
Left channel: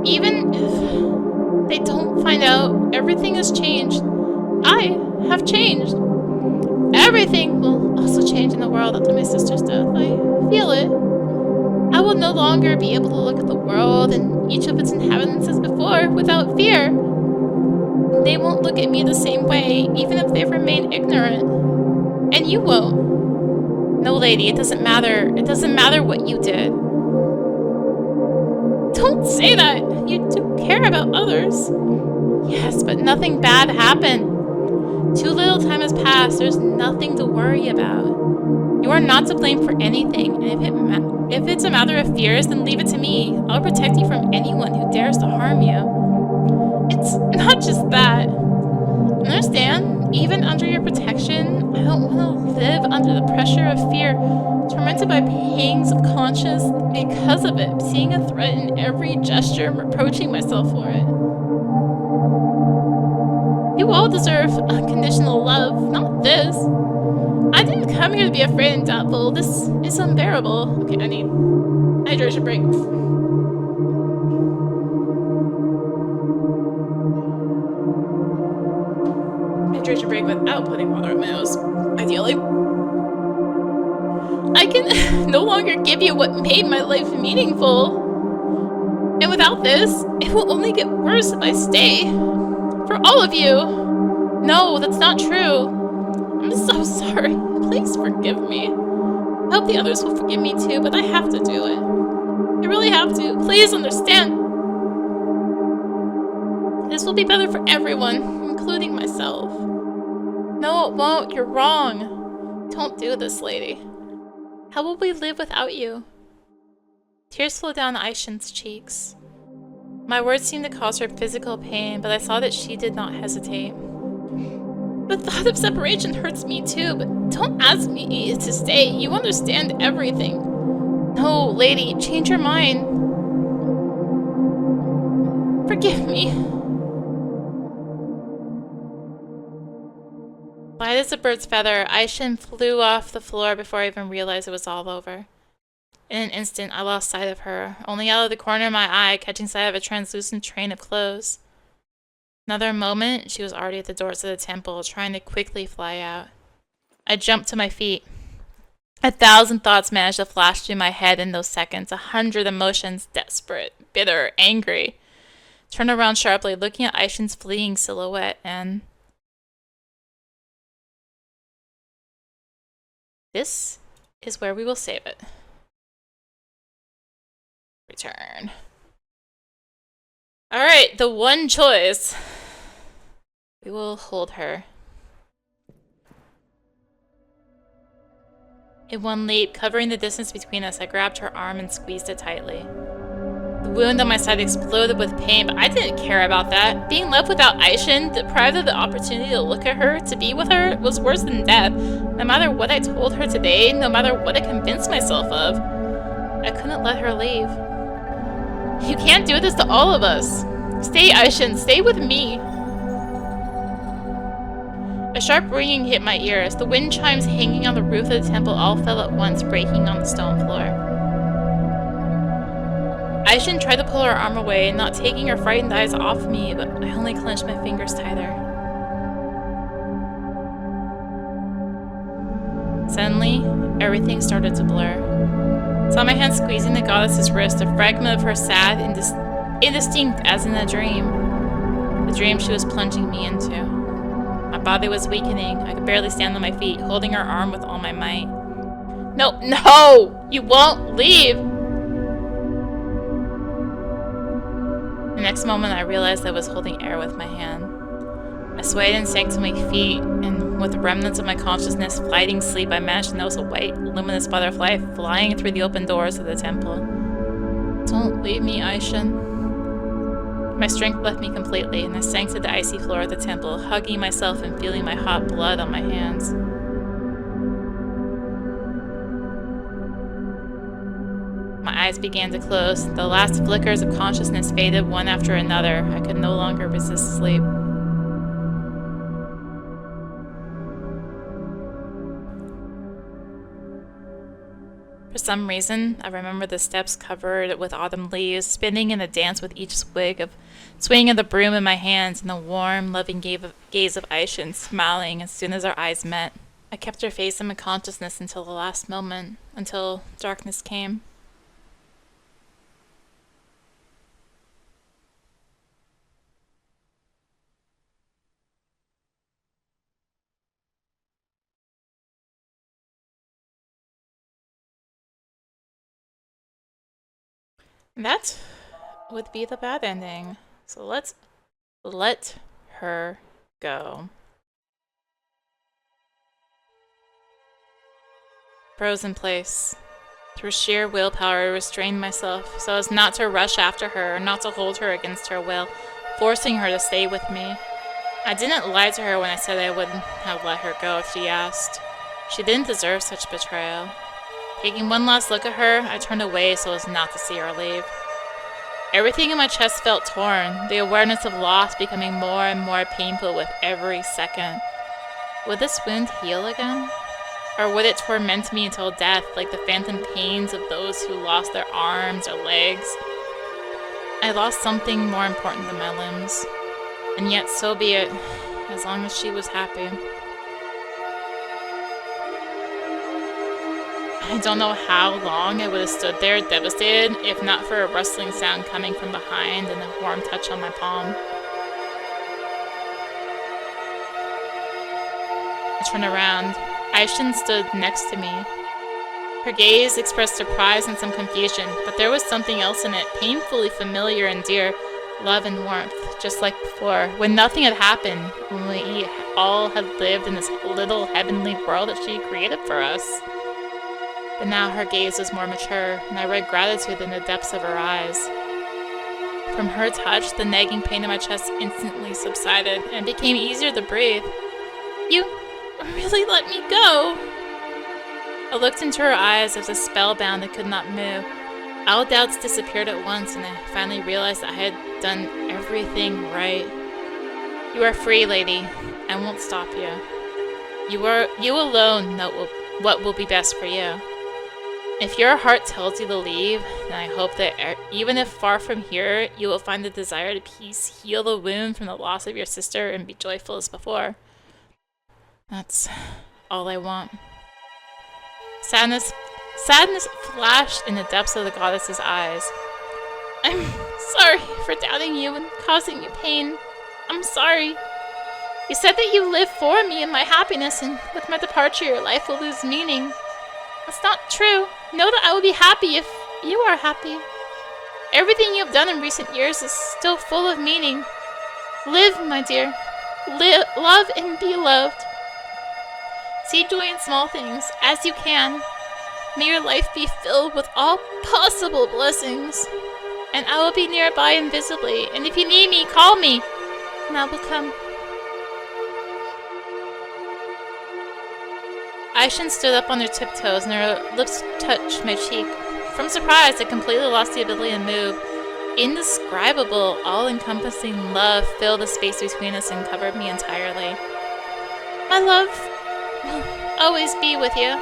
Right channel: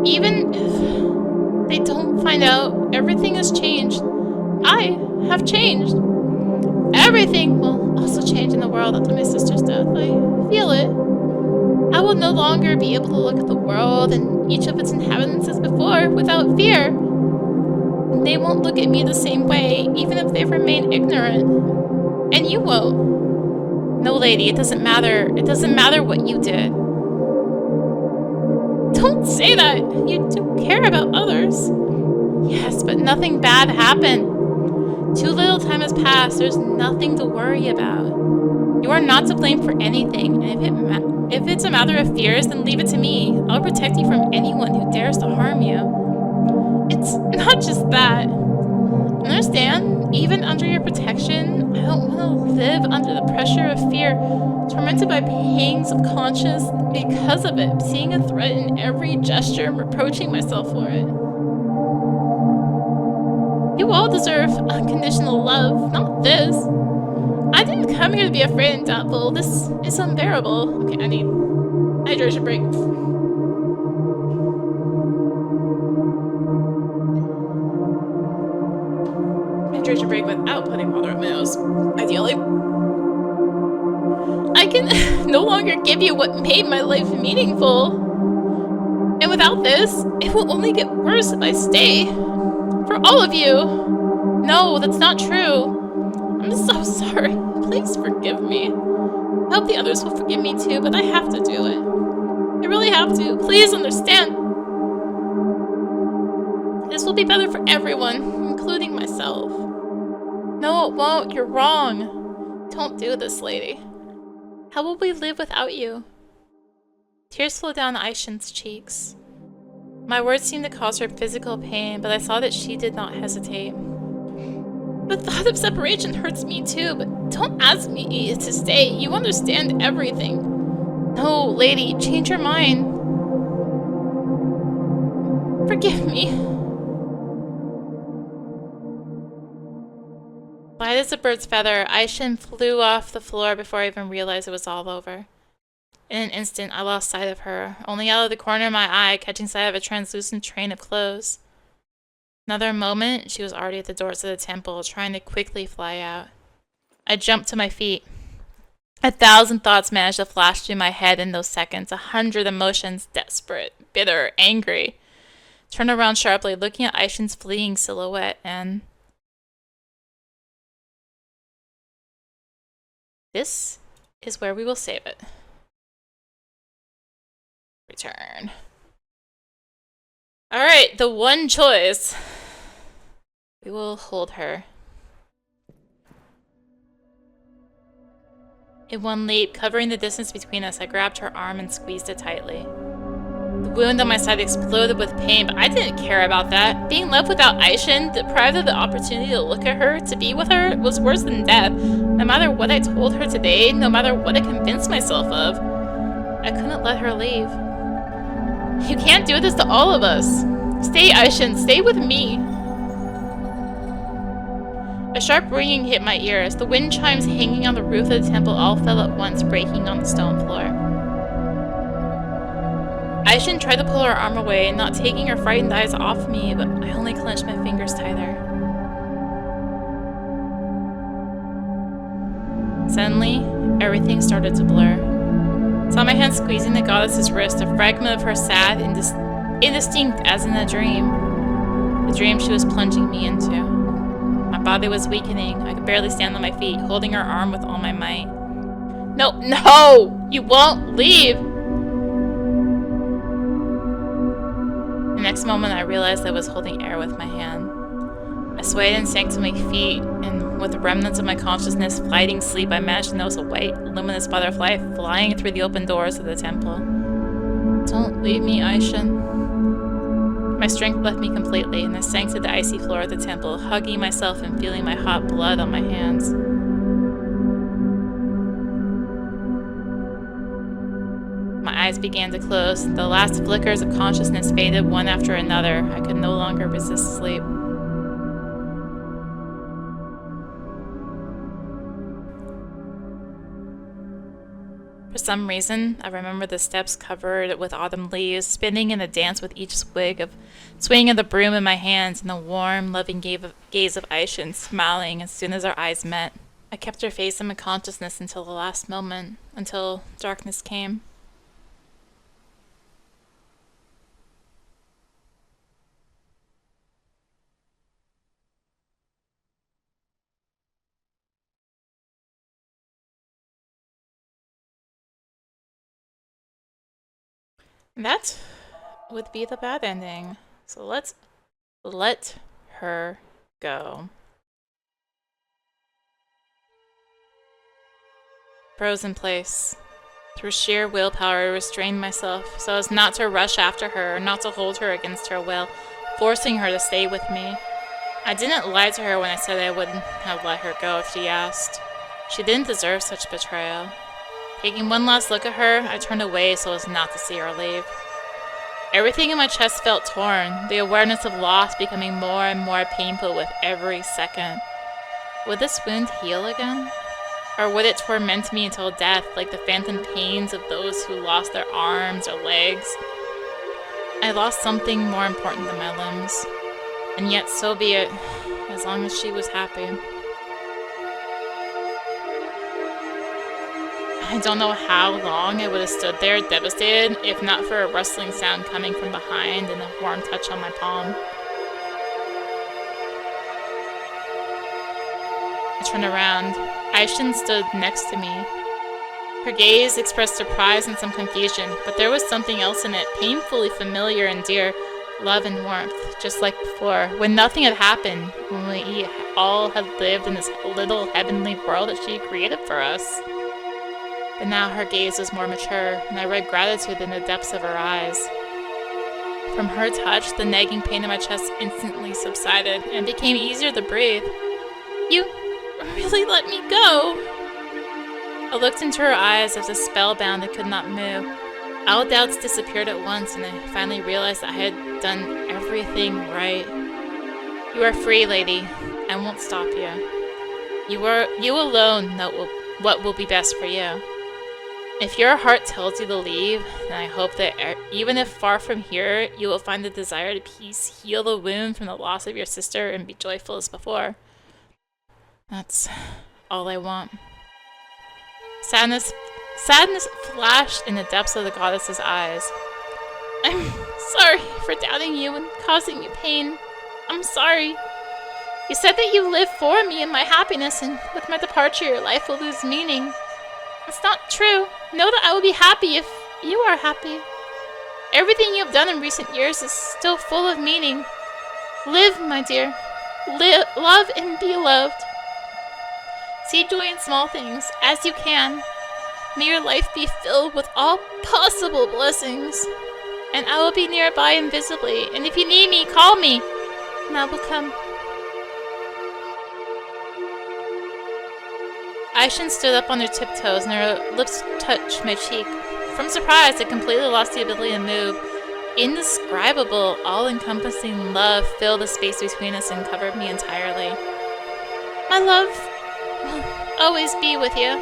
Even if they don't find out, everything has changed. I have changed. Everything will also change in the world after my sister's death. I feel it. I will no longer be able to look at the world and each of its inhabitants as before without fear. They won't look at me the same way, even if they remain ignorant. And you won't. No, lady, it doesn't matter. It doesn't matter what you did. Don't say that! You do care about others. Yes, but nothing bad happened. Too little time has passed. There's nothing to worry about. You are not to blame for anything, and if it's a matter of fears, then leave it to me. I'll protect you from anyone who dares to harm you. It's not just that. Understand? Even under your protection, I don't want to live under the pressure of fear, tormented by pangs of conscience because of it, seeing a threat in every gesture and reproaching myself for it. You all deserve unconditional love, not this. I didn't come here to be afraid and doubtful. This is unbearable. Okay, I need hydration break. Hydration break without putting water on my nose, ideally. I can no longer give you what made my life meaningful. And without this, it will only get worse if I stay. For all of you. No, that's not true. I'm so sorry. Please forgive me. I hope the others will forgive me too, but I have to do it. I really have to. Please understand. This will be better for everyone, including myself. No, it won't. You're wrong. Don't do this, lady. How will we live without you? Tears flowed down AIXIN's cheeks. My words seemed to cause her physical pain, but I saw that she did not hesitate. The thought of separation hurts me too, but don't ask me to stay. You understand everything. No, lady, change your mind. Forgive me. Light as a bird's feather, AIXIN flew off the floor before I even realized it was all over. In an instant, I lost sight of her, only out of the corner of my eye catching sight of a translucent train of clothes. Another moment, she was already at the doors of the temple, trying to quickly fly out. I jumped to my feet. 1,000 thoughts managed to flash through my head in those seconds, 100 emotions, desperate, bitter, angry. Turned around sharply, looking at AIXIN's fleeing silhouette, and... this is where we will save it. Return. Alright, the one choice. We will hold her. In one leap, covering the distance between us, I grabbed her arm and squeezed it tightly. The wound on my side exploded with pain, but I didn't care about that. Being left without AIXIN, deprived of the opportunity to look at her, to be with her, was worse than death. No matter what I told her today, no matter what I convinced myself of, I couldn't let her leave. You can't do this to all of us. Stay, AIXIN, stay with me. A sharp ringing hit my ears. The wind chimes hanging on the roof of the temple all fell at once, breaking on the stone floor. AIXIN tried to pull her arm away, not taking her frightened eyes off me, but I only clenched my fingers tighter. Suddenly, everything started to blur. I saw my hand squeezing the goddess's wrist, a fragment of her sad, indistinct as in a dream. The dream she was plunging me into. My body was weakening. I could barely stand on my feet, holding her arm with all my might. No, no! You won't leave! The next moment I realized I was holding air with my hand. I swayed and sank to my feet, and with the remnants of my consciousness flighting sleep, I managed to notice a white, luminous butterfly flying through the open doors of the temple. Don't leave me, AIXIN. My strength left me completely, and I sank to the icy floor of the temple, hugging myself and feeling my hot blood on my hands. My eyes began to close. The last flickers of consciousness faded one after another. I could no longer resist sleep. For some reason, I remember the steps covered with autumn leaves, spinning in a dance with each swing of the broom in my hands, and the warm, loving gaze of AIXIN smiling as soon as our eyes met. I kept her face in my consciousness until the last moment, until darkness came. That would be the bad ending. So let's let her go. Froze in place. Through sheer willpower, I restrained myself so as not to rush after her or not to hold her against her will, forcing her to stay with me. I didn't lie to her when I said I wouldn't have let her go if she asked. She didn't deserve such betrayal. Taking one last look at her, I turned away so as not to see her leave. Everything in my chest felt torn, the awareness of loss becoming more and more painful with every second. Would this wound heal again? Or would it torment me until death, like the phantom pains of those who lost their arms or legs? I lost something more important than my limbs. And yet, so be it, as long as she was happy. I don't know how long I would have stood there, devastated, if not for a rustling sound coming from behind and a warm touch on my palm. I turned around. AIXIN stood next to me. Her gaze expressed surprise and some confusion, but there was something else in it, painfully familiar and dear, love and warmth, just like before, when nothing had happened, when we all had lived in this little heavenly world that she created for us. But now her gaze was more mature, and I read gratitude in the depths of her eyes. From her touch, the nagging pain in my chest instantly subsided, and it became easier to breathe. You really let me go? I looked into her eyes as if spellbound and could not move. All doubts disappeared at once, and I finally realized that I had done everything right. You are free, lady. I won't stop you. You alone know what will be best for you. If your heart tells you to leave, then I hope that even if far from here, you will find the desire to peace, heal the wound from the loss of your sister, and be joyful as before. That's all I want. Sadness flashed in the depths of the goddess's eyes. I'm sorry for doubting you and causing you pain. I'm sorry. You said that you live for me and my happiness, and with my departure, your life will lose meaning. That's not true. Know that I will be happy if you are happy. Everything you have done in recent years is still full of meaning. Live, my dear. Love and be loved. See joy in small things, as you can. May your life be filled with all possible blessings. And I will be nearby invisibly, and if you need me, call me, and I will come. AIXIN stood up on her tiptoes, and her lips touched my cheek. From surprise, I completely lost the ability to move. Indescribable, all-encompassing love filled the space between us and covered me entirely. My love will always be with you.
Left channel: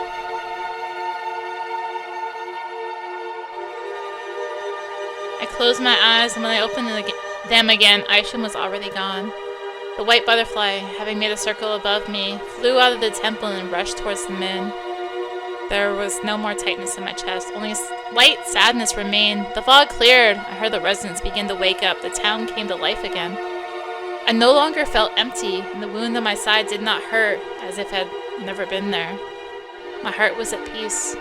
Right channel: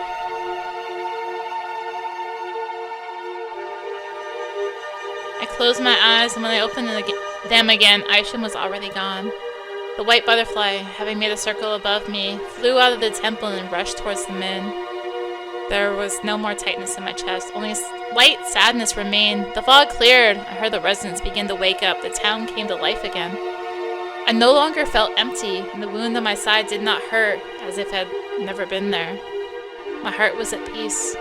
I closed my eyes, and when I opened them again, AIXIN was already gone. The white butterfly, having made a circle above me, flew out of the temple and rushed towards the moon. There was no more tightness in my chest, only light sadness remained. The fog cleared. I heard the residents begin to wake up. The town came to life again. I no longer felt empty, and the wound on my side did not hurt, as if it had never been there. My heart was at peace.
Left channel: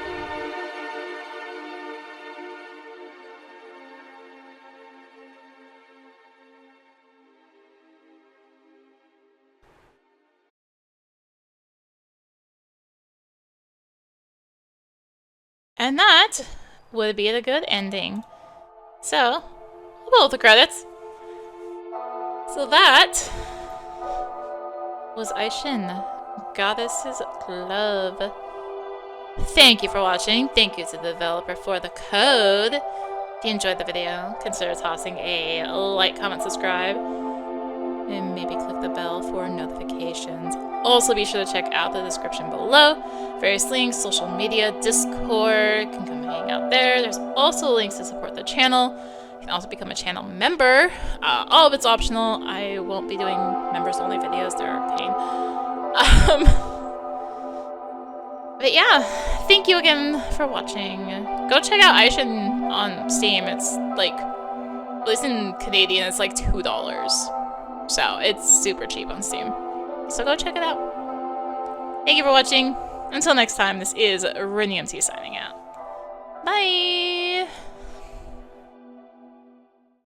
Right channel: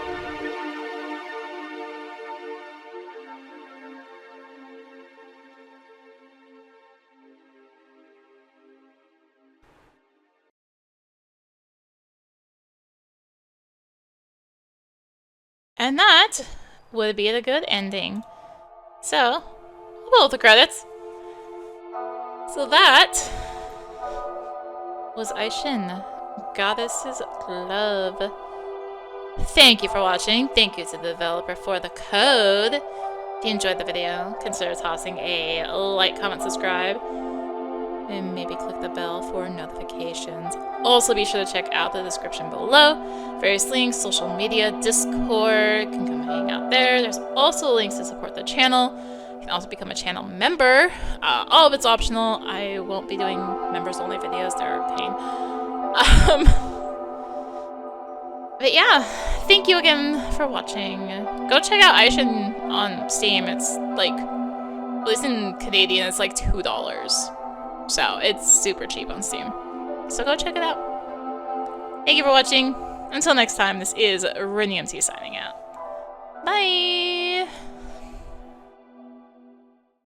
And that would be the good ending. So, we'll pull the credits. So that was AIXIN, Goddess's Love. Thank you for watching. Thank you to the developer for the code. If you enjoyed the video, consider tossing a like, comment, subscribe, and maybe click the bell for notifications. Also, be sure to check out the description below. Various links, social media, Discord, you can come hang out there. There's also links to support the channel. You can also become a channel member. All of it's optional. I won't be doing members-only videos. They're a pain. But yeah, thank you again for watching. Go check out AIXIN on Steam. It's like, at least in Canadian, it's like $2. So it's super cheap on Steam. So go check it out. Thank you for watching. Until next time, this is rinimt signing out. Bye!